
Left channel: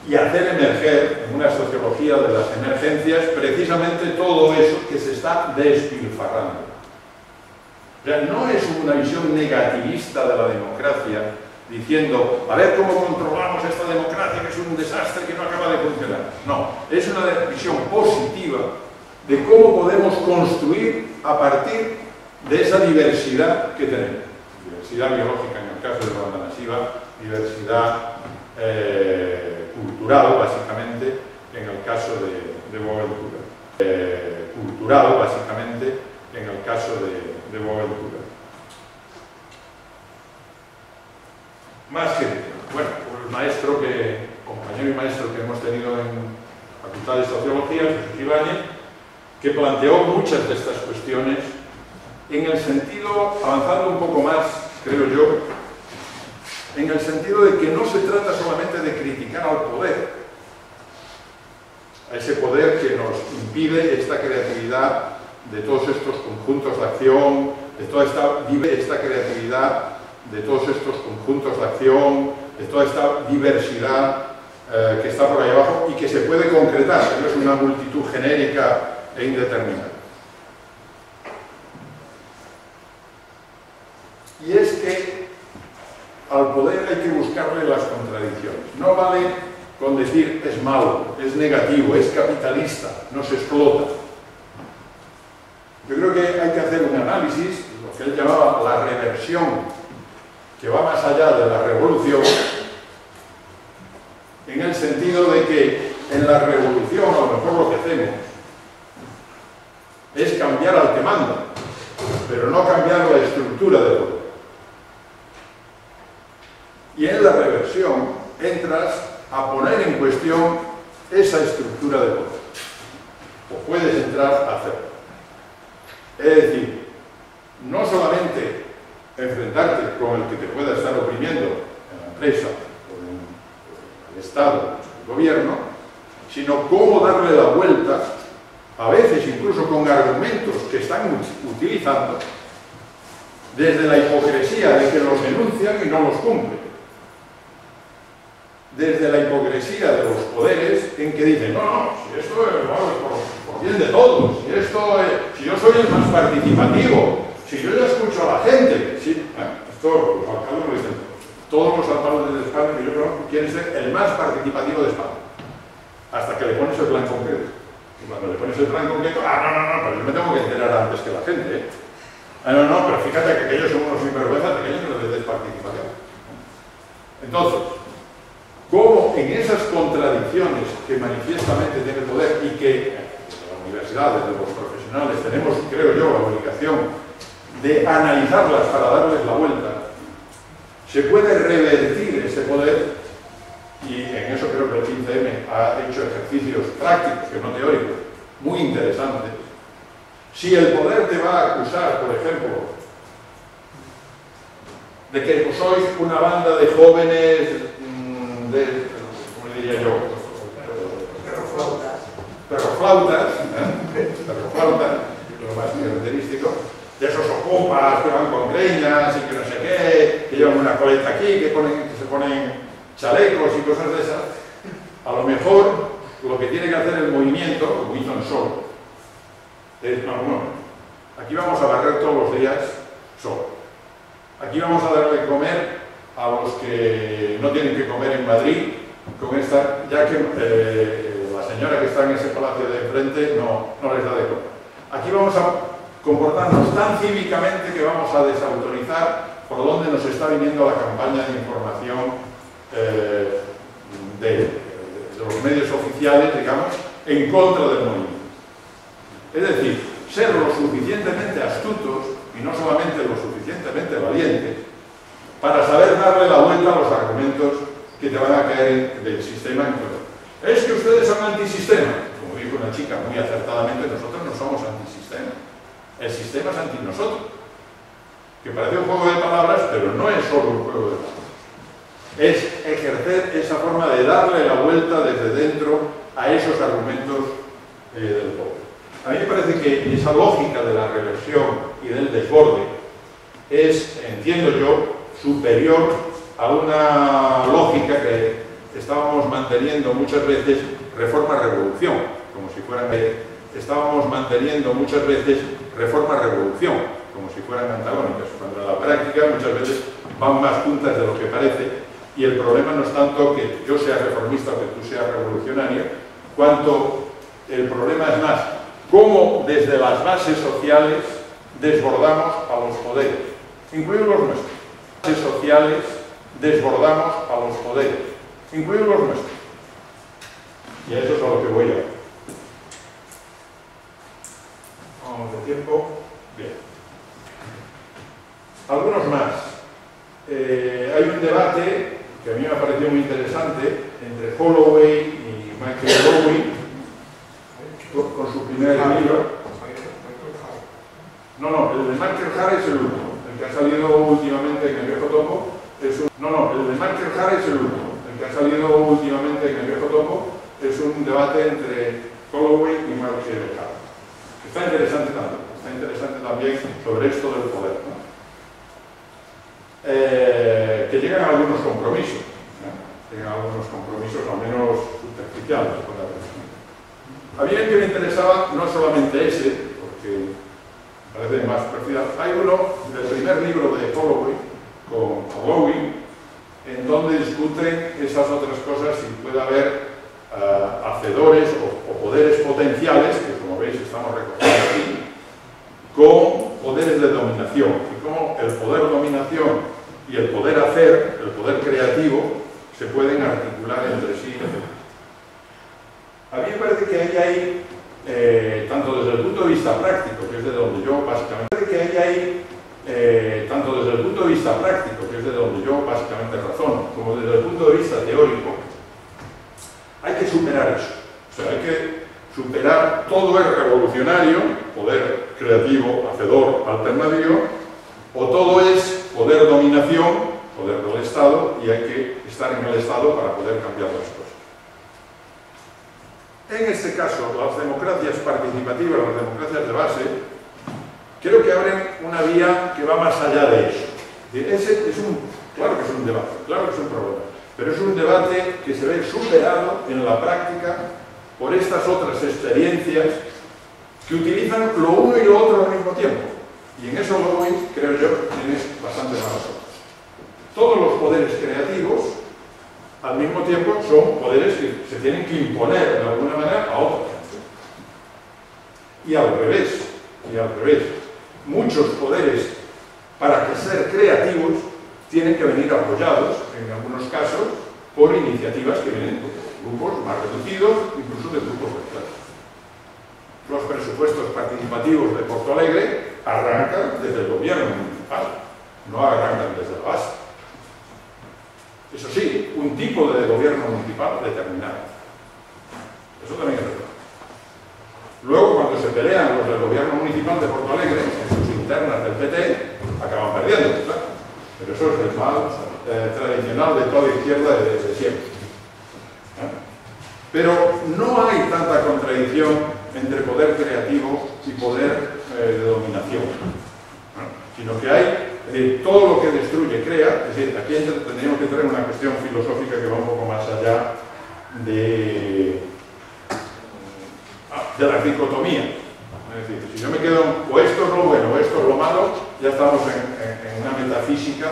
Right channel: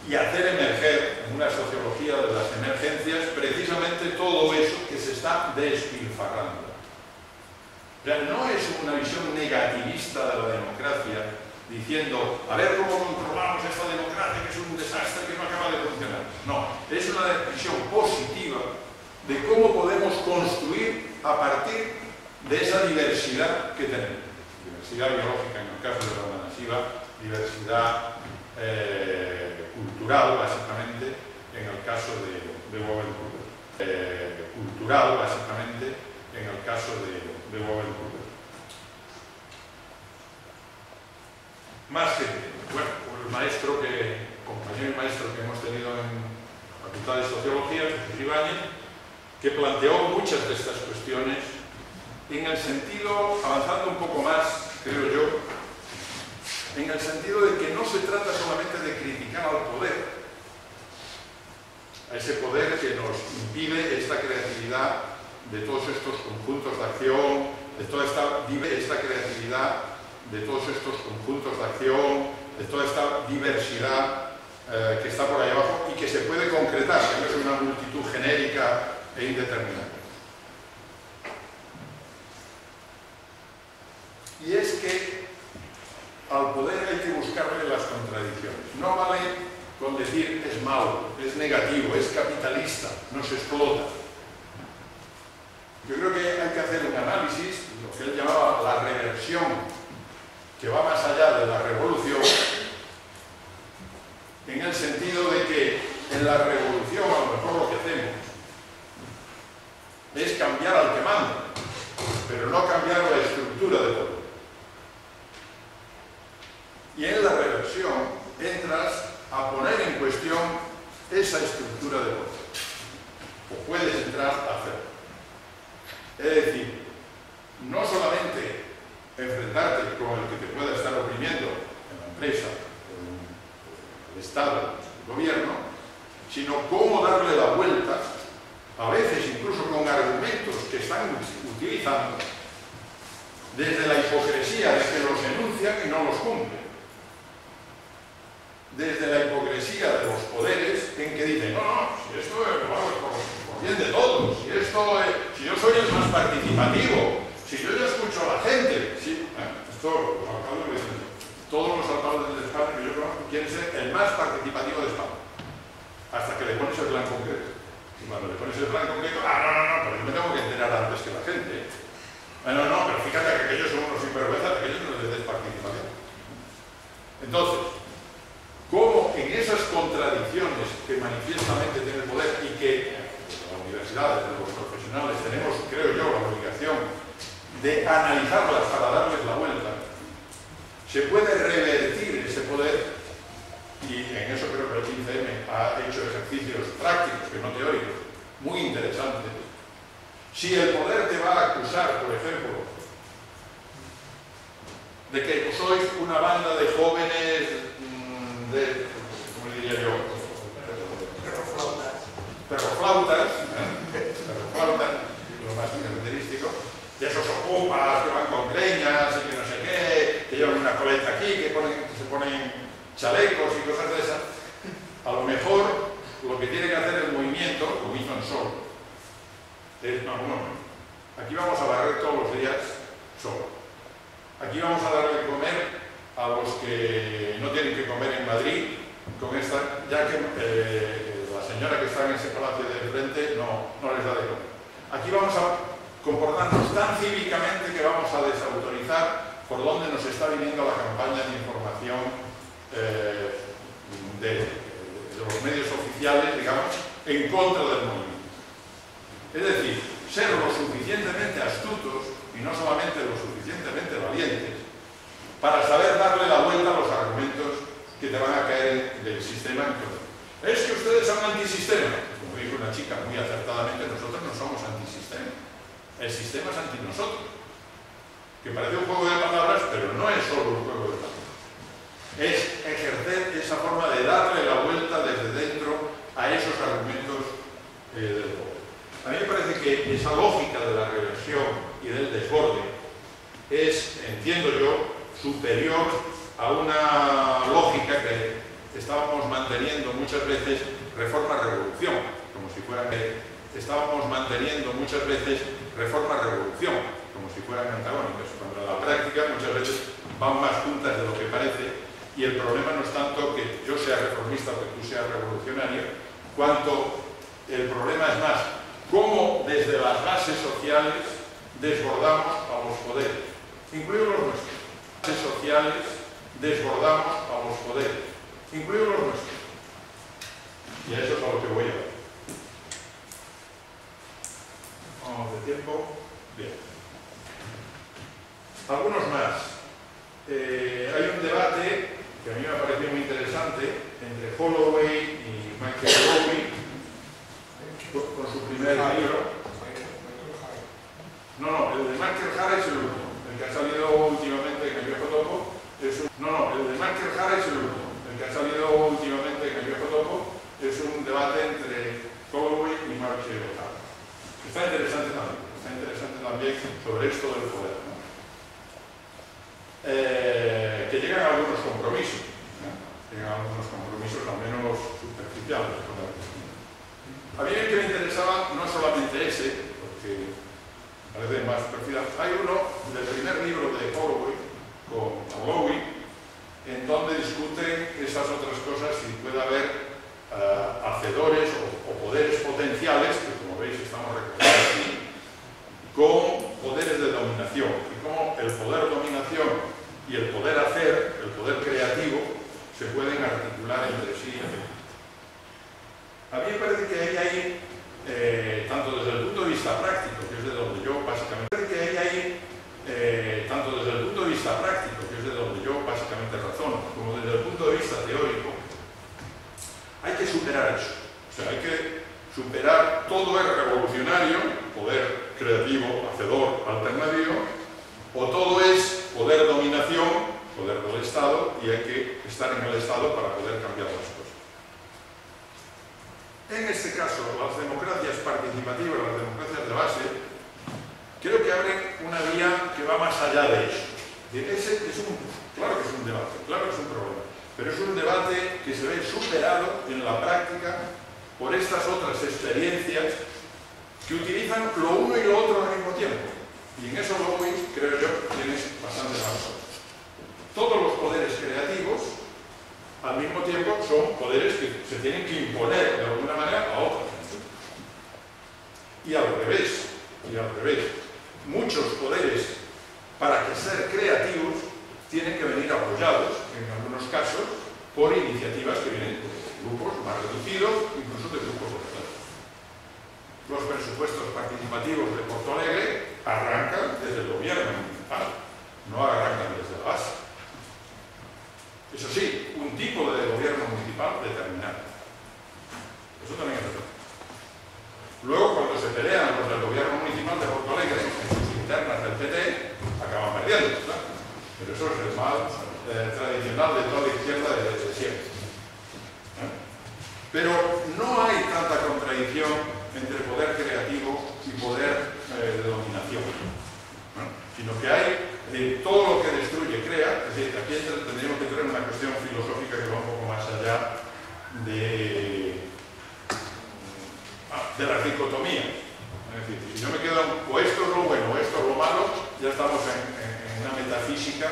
y hacer emerger en una sociología de las emergencias precisamente todo eso que se está despilfarrando. O sea, no es una visión negativista de la democracia diciendo, a ver cómo controlamos esta democracia que es un desastre que no acaba de funcionar. No, es una visión positiva de cómo podemos construir a partir de esa diversidad que tenemos. Diversidad biológica en el caso de Vandana Shiva, diversidad cultural, básicamente, en el caso de Boaventura. Cultural, básicamente, en el caso de Boaventura. Más gente. Bueno, el maestro compañero y maestro que hemos tenido en la Facultad de Sociología, Jesús Ibáñez, que planteó muchas de estas cuestiones en el sentido, avanzando un poco más, creo yo, en el sentido de que no se trata solamente de criticar al poder, a ese poder que nos impide esta creatividad de todos estos conjuntos de acción, de toda esta creatividad, de todos estos conjuntos de acción, de toda esta diversidad que está por ahí abajo y que se puede concretar, que no es una multitud genérica e indeterminada. Y es que al poder hay que buscarle las contradicciones. No vale con decir es malo, es negativo, es capitalista, nos explota. Yo creo que hay que hacer un análisis, lo que él llamaba la reversión, que va más allá de la revolución, en el sentido de que en la revolución a lo mejor lo que hacemos es cambiar al que manda, pero no cambiar la estructura de poder. Y en la reversión entras a poner en cuestión esa estructura de poder. O puedes entrar a hacerlo. Es decir, no solamente enfrentarte con el que te pueda estar oprimiendo en la empresa, por el Estado, el gobierno, sino cómo darle la vuelta, a veces incluso con argumentos que están utilizando, desde la hipocresía de que los denuncian y no los cumplen. Desde la hipocresía de los poderes en que dicen, no, si esto es por bien de todos, si yo soy el más participativo, si yo ya escucho a la gente, sí, esto los alcaldes lo dicen, todos los alcaldes de España que yo conozco quieren ser el más participativo de España, hasta que le pones el plan concreto. Y cuando le pones el plan concreto, no, pero yo me tengo que enterar antes que la gente, ¿eh? No, pero fíjate que aquellos son unos sinvergüenzas, aquellos no les des participación. Entonces, cómo en esas contradicciones que manifiestamente tiene el poder y que desde las universidades, desde los profesionales, tenemos, creo yo, la obligación de analizarlas para darles la vuelta, se puede revertir ese poder, y en eso creo que el 15M ha hecho ejercicios prácticos, que no teóricos, muy interesantes. Si el poder te va a acusar, por ejemplo, de que sois una banda de jóvenes ¿cómo le diría yo? Perroflautas, lo más característico, de esos ocupas que van con greñas y que no sé qué, que llevan una coleta aquí, que se ponen chalecos y cosas de esas. A lo mejor lo que tiene que hacer el movimiento, como hizo en Sol, es, no, aquí vamos a barrer todos los días solo. Aquí vamos a darle de comer a los que no tienen que comer en Madrid, con esta, ya que la señora que está en ese palacio de enfrente no les da de comer. Aquí vamos a comportarnos tan cívicamente que vamos a desautorizar por dónde nos está viniendo la campaña de información de los medios oficiales, digamos, en contra del movimiento. Es decir, ser lo suficientemente astutos y no solamente lo suficientemente valientes para saber darle la vuelta a los argumentos que te van a caer del sistema en todo. Es que ustedes son antisistema. Como dijo una chica muy acertadamente, nosotros no somos antisistema. El sistema es anti nosotros. Que parece un juego de palabras, pero no es solo un juego de palabras. Es ejercer esa forma de darle la vuelta desde dentro a esos argumentos del poder. A mí me parece que esa lógica de la reversión y del desborde es, entiendo yo, superior a una lógica que estábamos manteniendo muchas veces reforma-revolución, como si fueran como si fueran antagónicas, cuando en la práctica muchas veces van más juntas de lo que parece, y el problema no es tanto que yo sea reformista o que tú seas revolucionario, cuanto el problema es más cómo desde las bases sociales desbordamos a los poderes, incluidos los nuestros. Bases sociales desbordamos a los poderes, incluidos los nuestros. Y a eso es a lo que voy a ver. Vamos de tiempo. Bien. Algunos más. Hay un debate que a mí me ha parecido muy interesante entre Holloway y Michael Rowe con su primer libro. No, el de Michael Harris es el último. El que ha salido últimamente en el Viejo Topo es un... el de Michael Harris es el último. El que ha salido últimamente en el Viejo Topo es un debate entre Holloway y Michael Harris. Está interesante también sobre esto del poder, ¿no? Que llegan a algunos compromisos, ¿no? Llegan a algunos compromisos al menos superficiales. A mí el que me interesaba no solamente ese, porque parece más superficial, hay uno del primer libro de Holloway con Holloway, en donde discuten esas otras cosas, si puede haber hacedores o poderes potenciales, que como veis estamos recogiendo aquí, con poderes de dominación, y cómo el poder dominación y el poder hacer, el poder creativo, se pueden articular entre sí. A mí me parece que hay tanto desde el punto de vista práctico, que es de donde yo básicamente razono, como desde el punto de vista teórico, hay que superar eso. O sea, hay que superar todo es revolucionario, poder creativo, hacedor, alternativo, o todo es poder dominación, poder del Estado y hay que estar en el Estado para poder cambiar las cosas. En este caso, las democracias participativas, las democracias de base, creo que abren una vía que va más allá de eso. Claro que es un debate, claro que es un problema, pero es un debate que se ve superado en la práctica por estas otras experiencias que utilizan lo uno y lo otro al mismo tiempo. Y en eso, Lewis, creo yo, tienes bastante razón. Todos los poderes creativos, al mismo tiempo, son poderes que se tienen que imponer de alguna manera a otra gente. Y al revés, muchos poderes, para que ser creativos, tienen que venir apoyados, en algunos casos, por iniciativas que vienen de grupos más reducidos, incluso de grupos de los presupuestos participativos de Porto Alegre arrancan desde el gobierno municipal, no arrancan desde la base. Eso sí, un tipo de gobierno municipal determinado. Eso también es verdad. Luego, cuando se pelean los del gobierno municipal de Porto Alegre, en sus internas del PT, acaban perdiendo, claro. Pero eso es el mal tradicional de toda la izquierda desde siempre. Pero no hay tanta contradicción entre poder creativo y poder de dominación, sino que hay todo lo que destruye crea. Es decir, aquí tendríamos que traer una cuestión filosófica que va un poco más allá de la dicotomía. Es decir, si yo me quedo o esto es lo bueno o esto es lo malo, ya estamos en una metafísica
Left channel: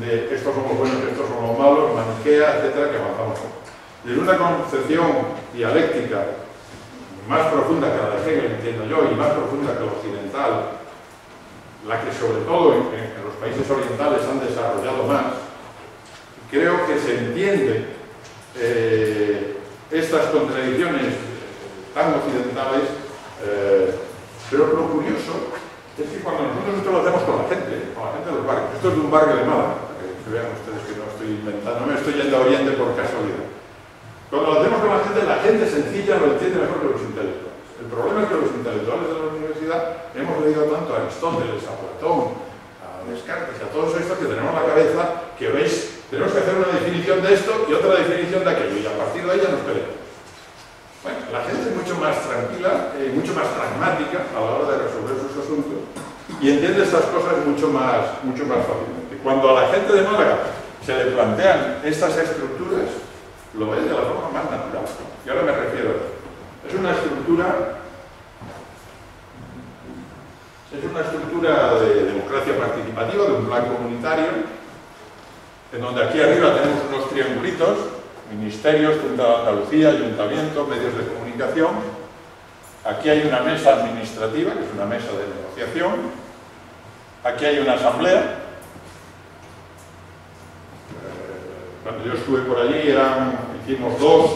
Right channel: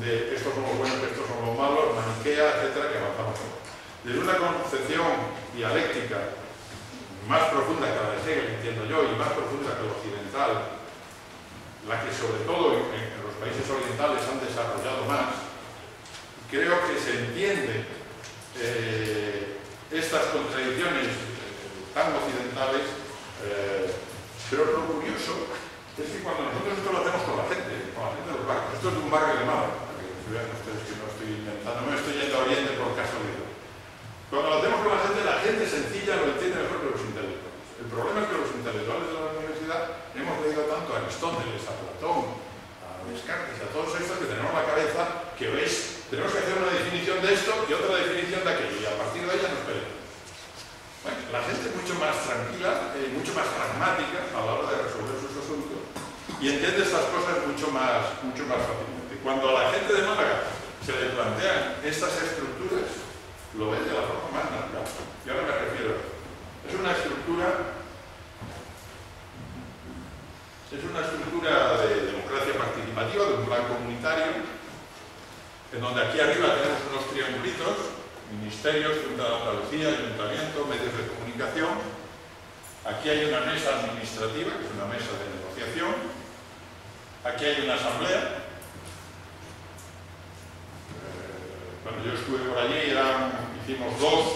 de estos son los buenos, estos son los malos, maniquea, etcétera, que avanzamos. Desde una concepción dialéctica más profunda que la de Hegel, entiendo yo, y más profunda que la occidental, la que sobre todo en los países orientales han desarrollado más, creo que se entiende estas contradicciones tan occidentales, pero lo curioso es que cuando nosotros esto lo hacemos con la gente de los barrios, esto es de un barrio de Málaga, para que vean ustedes que no estoy inventando, no me estoy yendo a Oriente por casualidad. Cuando lo hacemos con la gente sencilla lo entiende mejor que los intelectuales. El problema es que los intelectuales de la universidad hemos leído tanto a Aristóteles, a Platón, a Descartes, a todos estos que tenemos la cabeza que veis, tenemos que hacer una definición de esto y otra definición de aquello, y a partir de ahí ya nos peleamos. Bueno, la gente es mucho más tranquila, mucho más pragmática a la hora de resolver sus asuntos y entiende estas cosas mucho más fácilmente. Cuando a la gente de Málaga se le plantean estas estructuras, lo ve de la forma más natural. Y ahora me refiero a esto. Es una estructura de democracia participativa, de un plan comunitario, en donde aquí arriba tenemos unos triangulitos, ministerios, Junta de Andalucía, Ayuntamiento, medios de comunicación. Aquí hay una mesa administrativa, que es una mesa de negociación. Aquí hay una asamblea. Cuando yo estuve por allí hicimos 2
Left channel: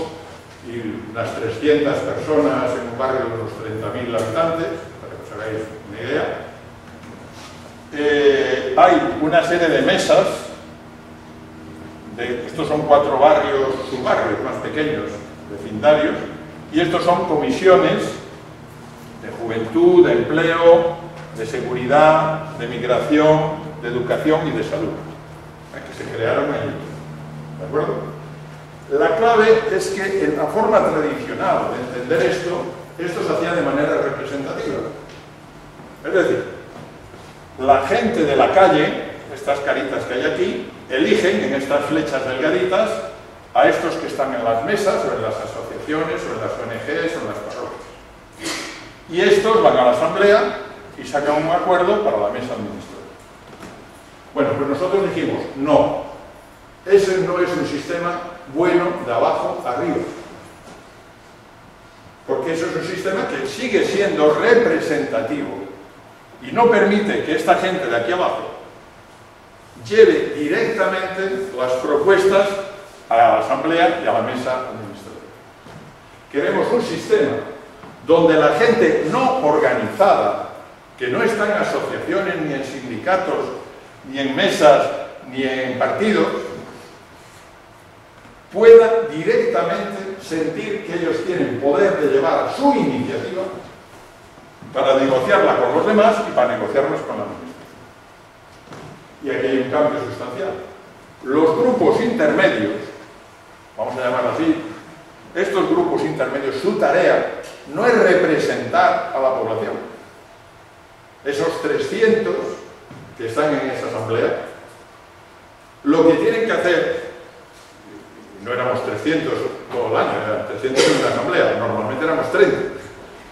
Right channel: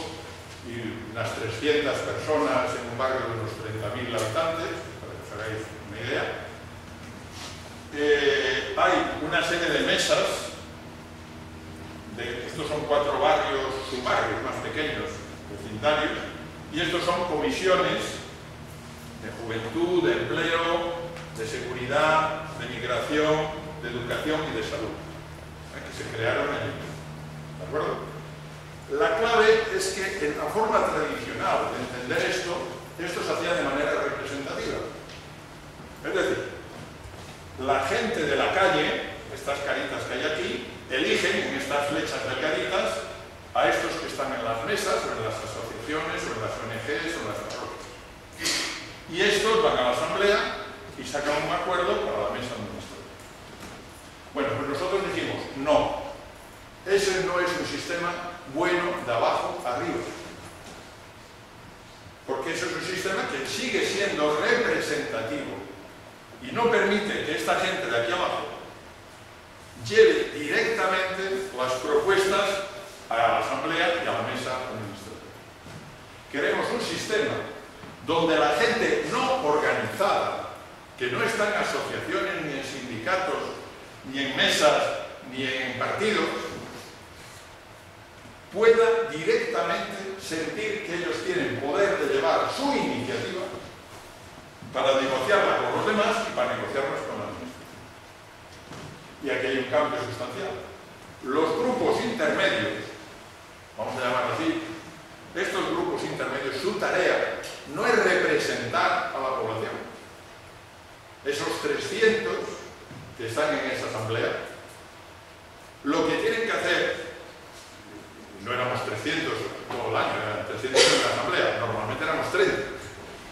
y unas 300 personas en un barrio de unos 30.000 habitantes, para que os hagáis una idea. Hay una serie de mesas, estos son 4 barrios, subbarrios más pequeños, vecindarios, y estos son comisiones de juventud, de empleo, de seguridad, de migración, de educación y de salud, que se crearon allí. ¿De acuerdo? La clave es que en la forma tradicional de entender esto se hacía de manera representativa. Es decir, la gente de la calle, estas caritas que hay aquí, eligen en estas flechas delgaditas a estos que están en las mesas, o en las asociaciones, o en las ONGs, o en las parroquias. Y estos van a la asamblea y sacan un acuerdo para la mesa administrativa. Bueno, pues nosotros dijimos, no. Ese no es un sistema bueno de abajo arriba. Porque eso es un sistema que sigue siendo representativo y no permite que esta gente de aquí abajo lleve directamente las propuestas a la asamblea y a la mesa administrativa. Queremos un sistema donde la gente no organizada, que no está en asociaciones, ni en sindicatos, ni en mesas, ni en partidos, pueda directamente sentir que ellos tienen poder de llevar su iniciativa para negociarla con los demás y para negociarlas con la administración. Y aquí hay un cambio sustancial. Los grupos intermedios, vamos a llamarlo así, estos grupos intermedios, su tarea no es representar a la población. Esos 300 que están en esa asamblea, lo que tienen que hacer, no éramos 300 todo el año, eran 300 en una asamblea, normalmente éramos 30.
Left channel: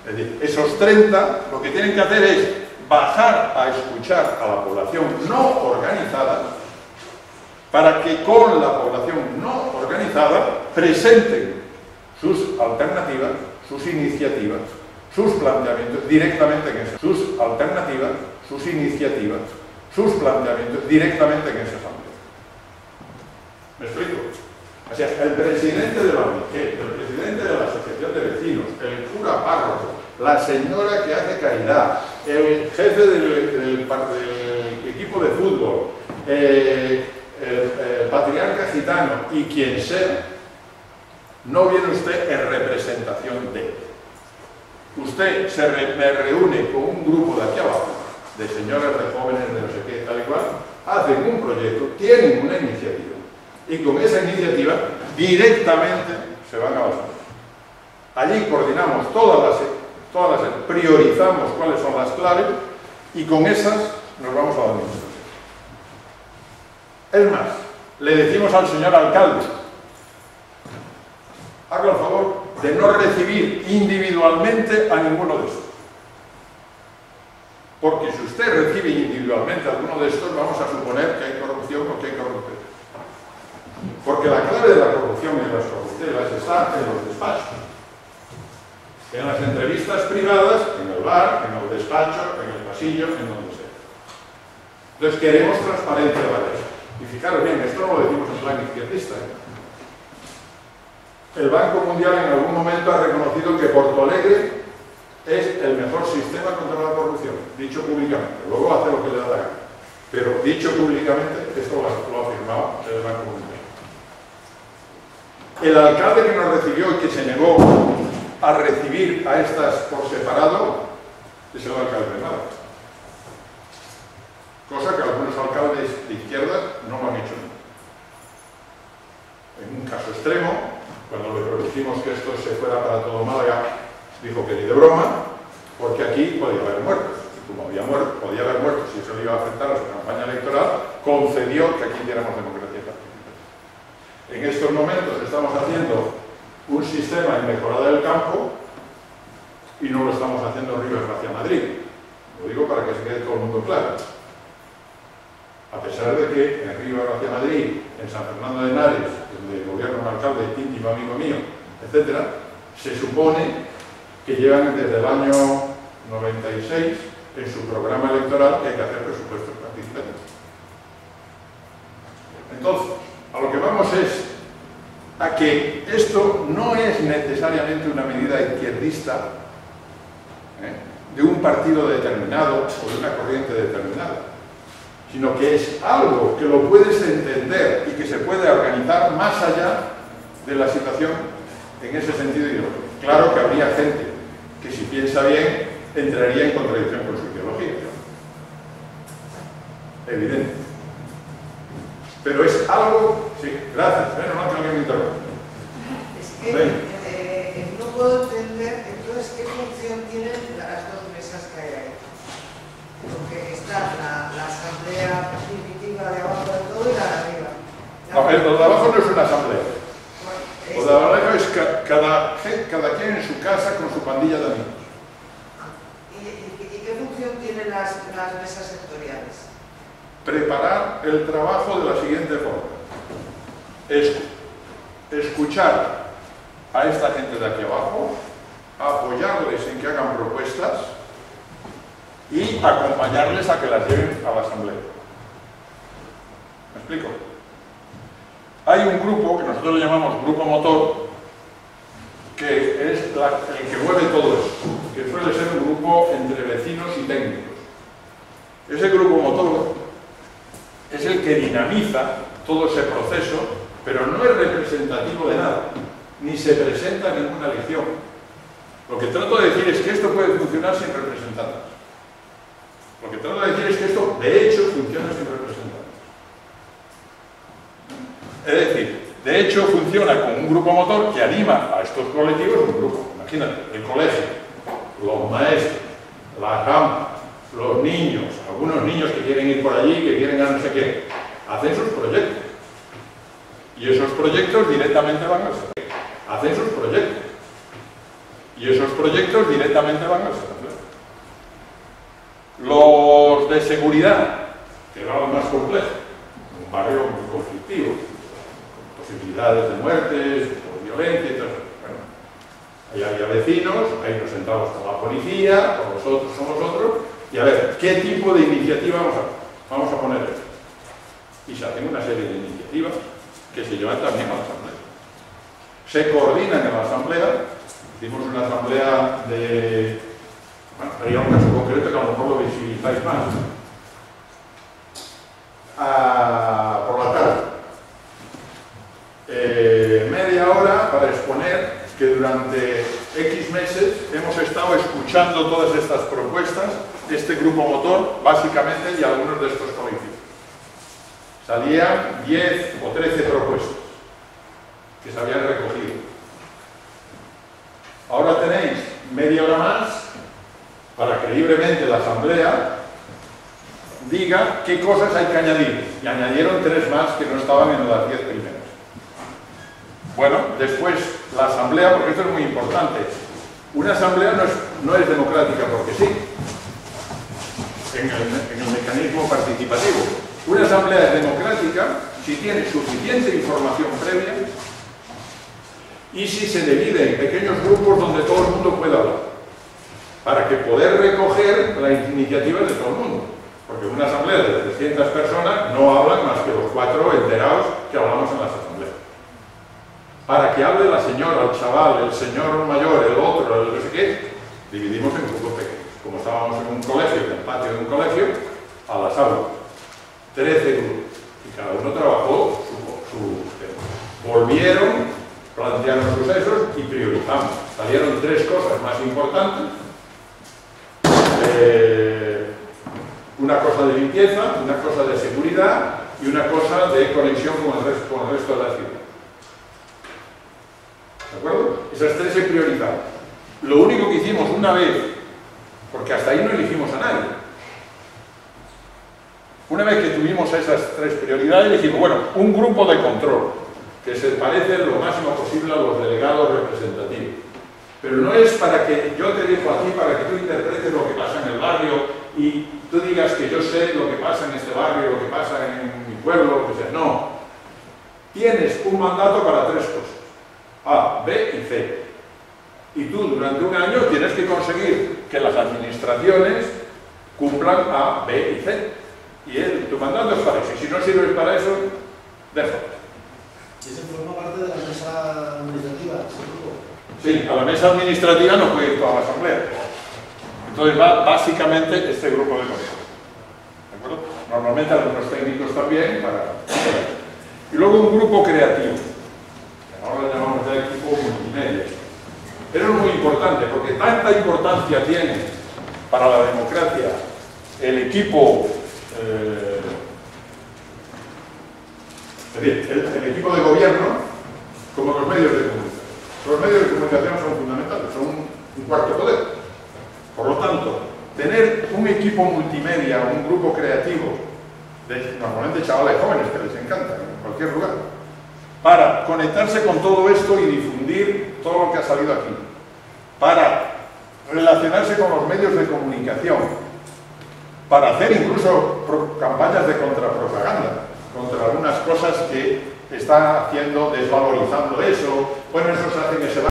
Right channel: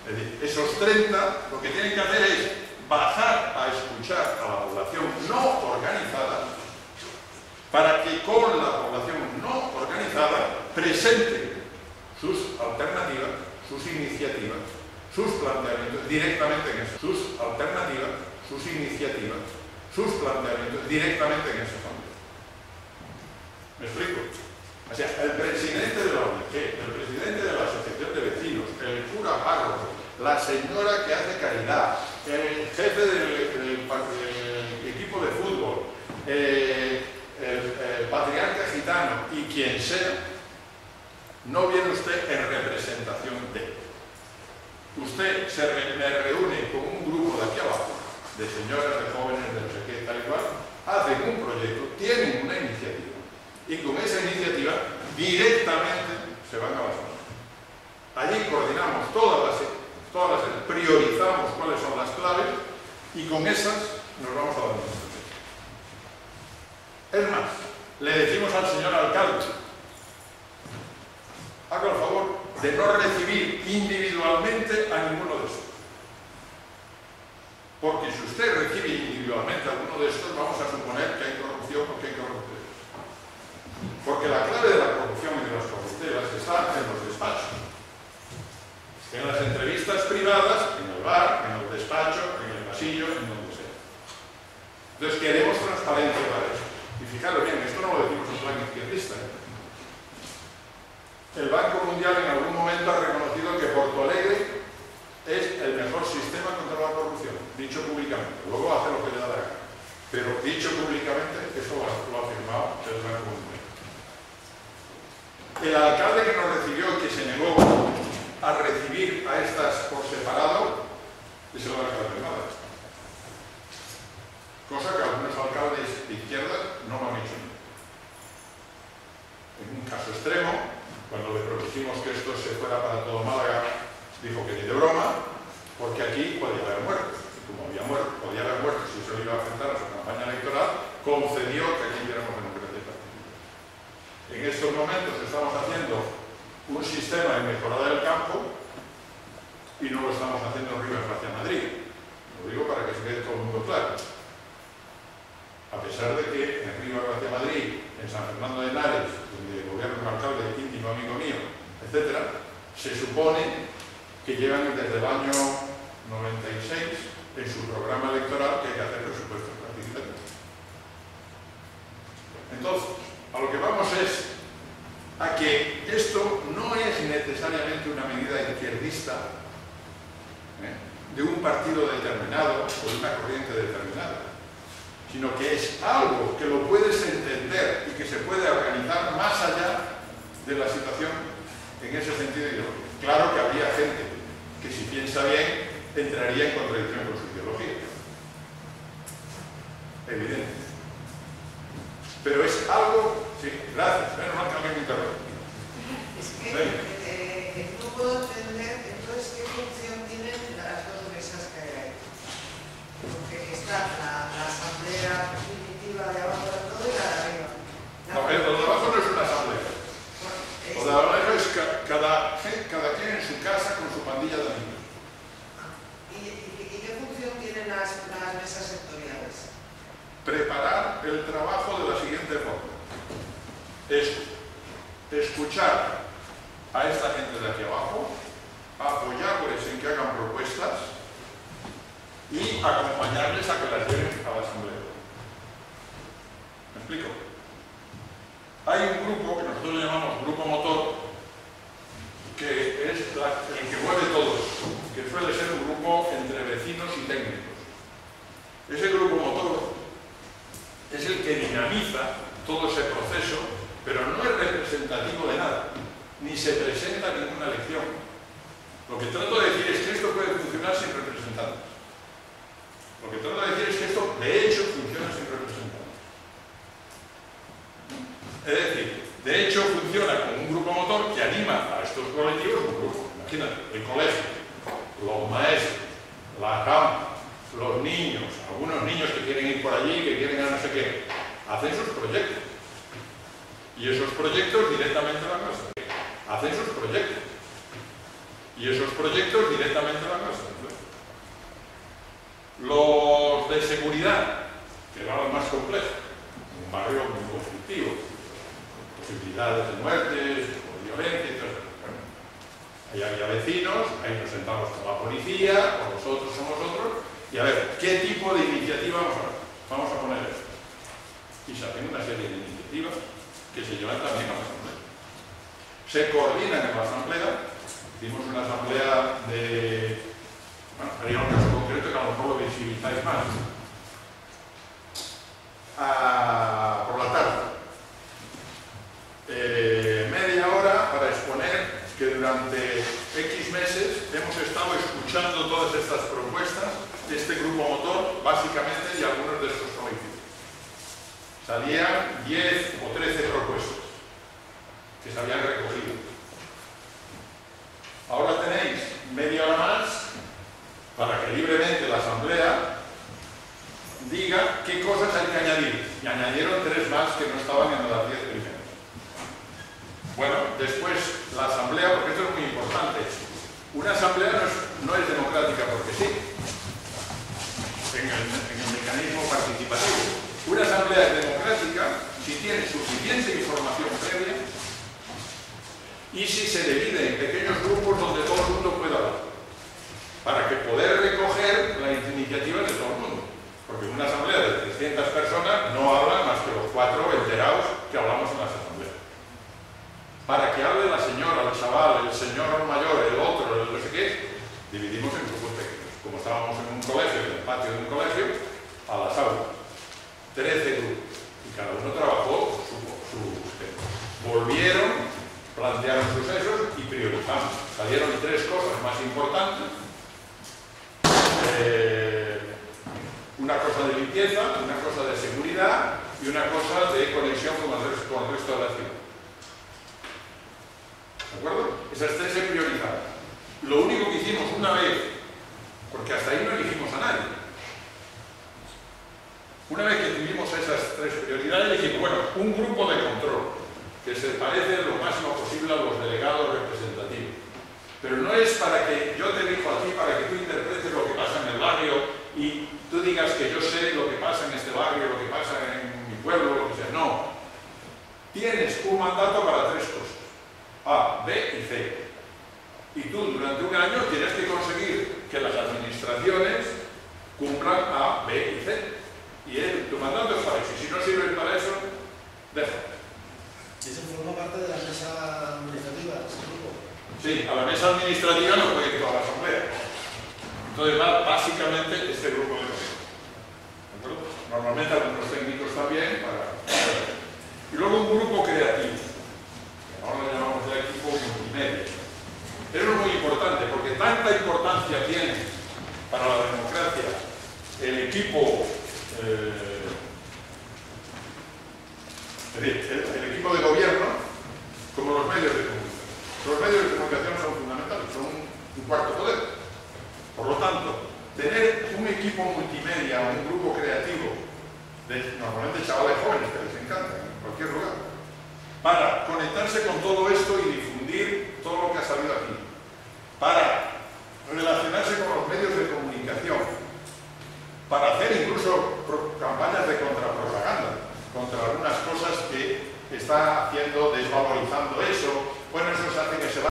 Es decir, esos 30 lo que tienen que hacer es bajar a escuchar a la población no organizada para que con la población no organizada presenten sus alternativas, sus iniciativas, sus planteamientos directamente en esa. Sus alternativas, sus iniciativas, sus planteamientos directamente en esa asamblea. ¿Me explico? O sea, el presidente de la ONG, el presidente de la asociación de vecinos, el cura párroco, la señora que hace caridad, el jefe del equipo de fútbol, el patriarca gitano y quien sea, no viene usted en representación de. Usted me reúne con un grupo de aquí abajo, de señoras, de jóvenes, de no sé qué, tal y cual, hacen un proyecto, tienen una iniciativa, y con esa iniciativa directamente se van a la asamblea. Allí coordinamos todas las priorizamos cuáles son las claves y con esas nos vamos a la administración. Es más, le decimos al señor alcalde, haga el favor de no recibir individualmente a ninguno de estos. Porque si usted recibe individualmente a alguno de estos, vamos a suponer que hay corrupción o que hay corrupción. Porque la clave de la corrupción y de las corruptelas está en los despachos. En las entrevistas privadas, en el bar, en el despacho, en el pasillo, en donde sea. Entonces queremos transparencia para eso. Y fijaros bien, esto no lo decimos en plan izquierdista. El Banco Mundial en algún momento ha reconocido que Porto Alegre es el mejor sistema contra la corrupción, dicho públicamente. Luego hace lo que le da la gana. Pero dicho públicamente, esto lo ha firmado el Banco Mundial. El alcalde que nos recibió y que se negó a recibir a estas por separado es el alcalde de Málaga. Cosa que algunos alcaldes de izquierda no lo han hecho nunca. En un caso extremo, cuando le propusimos que esto se fuera para todo Málaga, dijo que ni de broma, porque aquí podía haber muertos. Y como podía haber muertos y eso le iba a afectar a su campaña electoral, concedió que aquí diéramos democracia participativa. En estos momentos estamos haciendo un sistema en mejorada del campo y no lo estamos haciendo en Rivas hacia Madrid. Lo digo para que se quede todo el mundo claro. A pesar de que en Rivas hacia Madrid, en San Fernando de Henares, donde gobierna un alcalde íntimo amigo mío, etc., se supone que llevan desde el año 96 en su programa electoral que hay que hacer presupuestos participativos. Entonces, a lo que vamos es a que esto no es necesariamente una medida izquierdista de un partido determinado o de una corriente determinada, sino que es algo que lo puedes entender y que se puede organizar más allá de la situación en ese sentido ideológico. Claro que habría gente que, si piensa bien, entraría en contradicción con su ideología. Evidente. Pero es algo... Sí, gracias. Menos mal que alguien me interrumpe. Es que no puedo entender entonces qué función tienen las dos mesas que hay ahí. Porque está la asamblea primitiva de abajo de todo y la de arriba. No, lo de abajo no es una asamblea. Lo de abajo es cada quien en su casa con su pandilla de amigos. ¿Y qué función tienen las mesas sectoriales? Preparar el trabajo de la siguiente forma. Escuchar a esta gente de aquí abajo, apoyarles en que hagan propuestas y acompañarles a que las lleven a la asamblea. ¿Me explico? Hay un grupo que nosotros le llamamos grupo motor, que es el que mueve todo esto, que suele ser un grupo entre vecinos y técnicos. Ese grupo motor es el que dinamiza todo ese proceso, pero no es representativo de nada, ni se presenta ninguna elección. Lo que trato de decir es que esto puede funcionar sin representantes. Lo que trato de decir es que esto, de hecho, funciona sin representantes. Es decir, de hecho funciona como un grupo motor que anima a estos colectivos, un grupo, imagínate, el colegio, los maestros, las rampas, los niños, algunos niños que quieren ir por allí, que quieren a no sé qué, hacen sus proyectos. Y esos proyectos directamente van a la asamblea. Hacen sus proyectos. Y esos proyectos directamente van a la asamblea. Los de seguridad, que era lo más complejo, un barrio muy conflictivo, con posibilidades de muertes, con violencia y todo eso. Bueno, ahí había vecinos, ahí nos sentamos con la policía, con nosotros, con nosotros, y a ver, ¿qué tipo de iniciativa vamos a poner esto? Y se hacen una serie de iniciativas que se llevan también a la asamblea. Se coordinan en la asamblea. Hicimos una asamblea de... Bueno, haría un caso concreto que a lo mejor lo visibilizáis más. Por la tarde. Media hora para exponer que durante X meses hemos estado escuchando todas estas propuestas de este grupo motor, básicamente, y algunos de estos colectivos. Salían 10 o 13 propuestas que se habían recogido. Ahora tenéis media hora más para que libremente la asamblea diga qué cosas hay que añadir. Y añadieron 3 más que no estaban en las 10 primeras. Bueno, después la asamblea, porque esto es muy importante, una asamblea no es democrática porque sí, en el mecanismo participativo. Una asamblea es democrática si tiene suficiente información previa y si se divide en pequeños grupos donde todo el mundo pueda hablar, para que poder recoger las iniciativas de todo el mundo. Porque en una asamblea de 300 personas no hablan más que los 4 enterados que hablamos en las asambleas. Para que hable la señora, el chaval, el señor mayor, el otro, el no sé qué, dividimos en grupos pequeños. Como estábamos en un colegio, en el patio de un colegio, a las aulas. 13 grupos. Y cada uno trabajó su tema. Volvieron, plantearon sucesos y priorizamos. Salieron 3 cosas más importantes. Una cosa de limpieza, una cosa de seguridad y una cosa de conexión con el resto de la ciudad. ¿De acuerdo? Esas 3 se priorizaron. Lo único que hicimos una vez, porque hasta ahí no elegimos a nadie. Una vez que tuvimos esas 3 prioridades, dijimos, bueno, un grupo de control, que se parece lo máximo posible a los delegados representativos. Pero no es para que yo te digo a ti, para que tú interpretes lo que pasa en el barrio y tú digas que yo sé lo que pasa en este barrio, lo que pasa en mi pueblo, lo que sea. No. Tienes un mandato para 3 cosas. A, B y C. Y tú durante un año tienes que conseguir que las administraciones cumplan A, B y C. Y tu mandato es para eso. Y si no sirves para eso, déjalo. ¿Y eso forma parte de la mesa administrativa? Sí, a la mesa administrativa no puede ir toda la asamblea. Entonces va básicamente este grupo de personas. ¿De acuerdo? Normalmente algunos técnicos también para... Y luego un grupo creativo. Ahora lo llamamos ya equipo multimedia. Eso es muy importante porque tanta importancia tiene para la democracia el equipo, el equipo de gobierno como los medios de comunicación. Los medios de comunicación son fundamentales, son un cuarto poder. Por lo tanto, tener un equipo multimedia, un grupo creativo, normalmente chavales jóvenes que les encanta en cualquier lugar, para conectarse con todo esto y difundir todo lo que ha salido aquí, para relacionarse con los medios de comunicación, para hacer incluso campañas de contrapropaganda contra algunas cosas que está haciendo, desvalorizando eso. Bueno, eso se hace en ese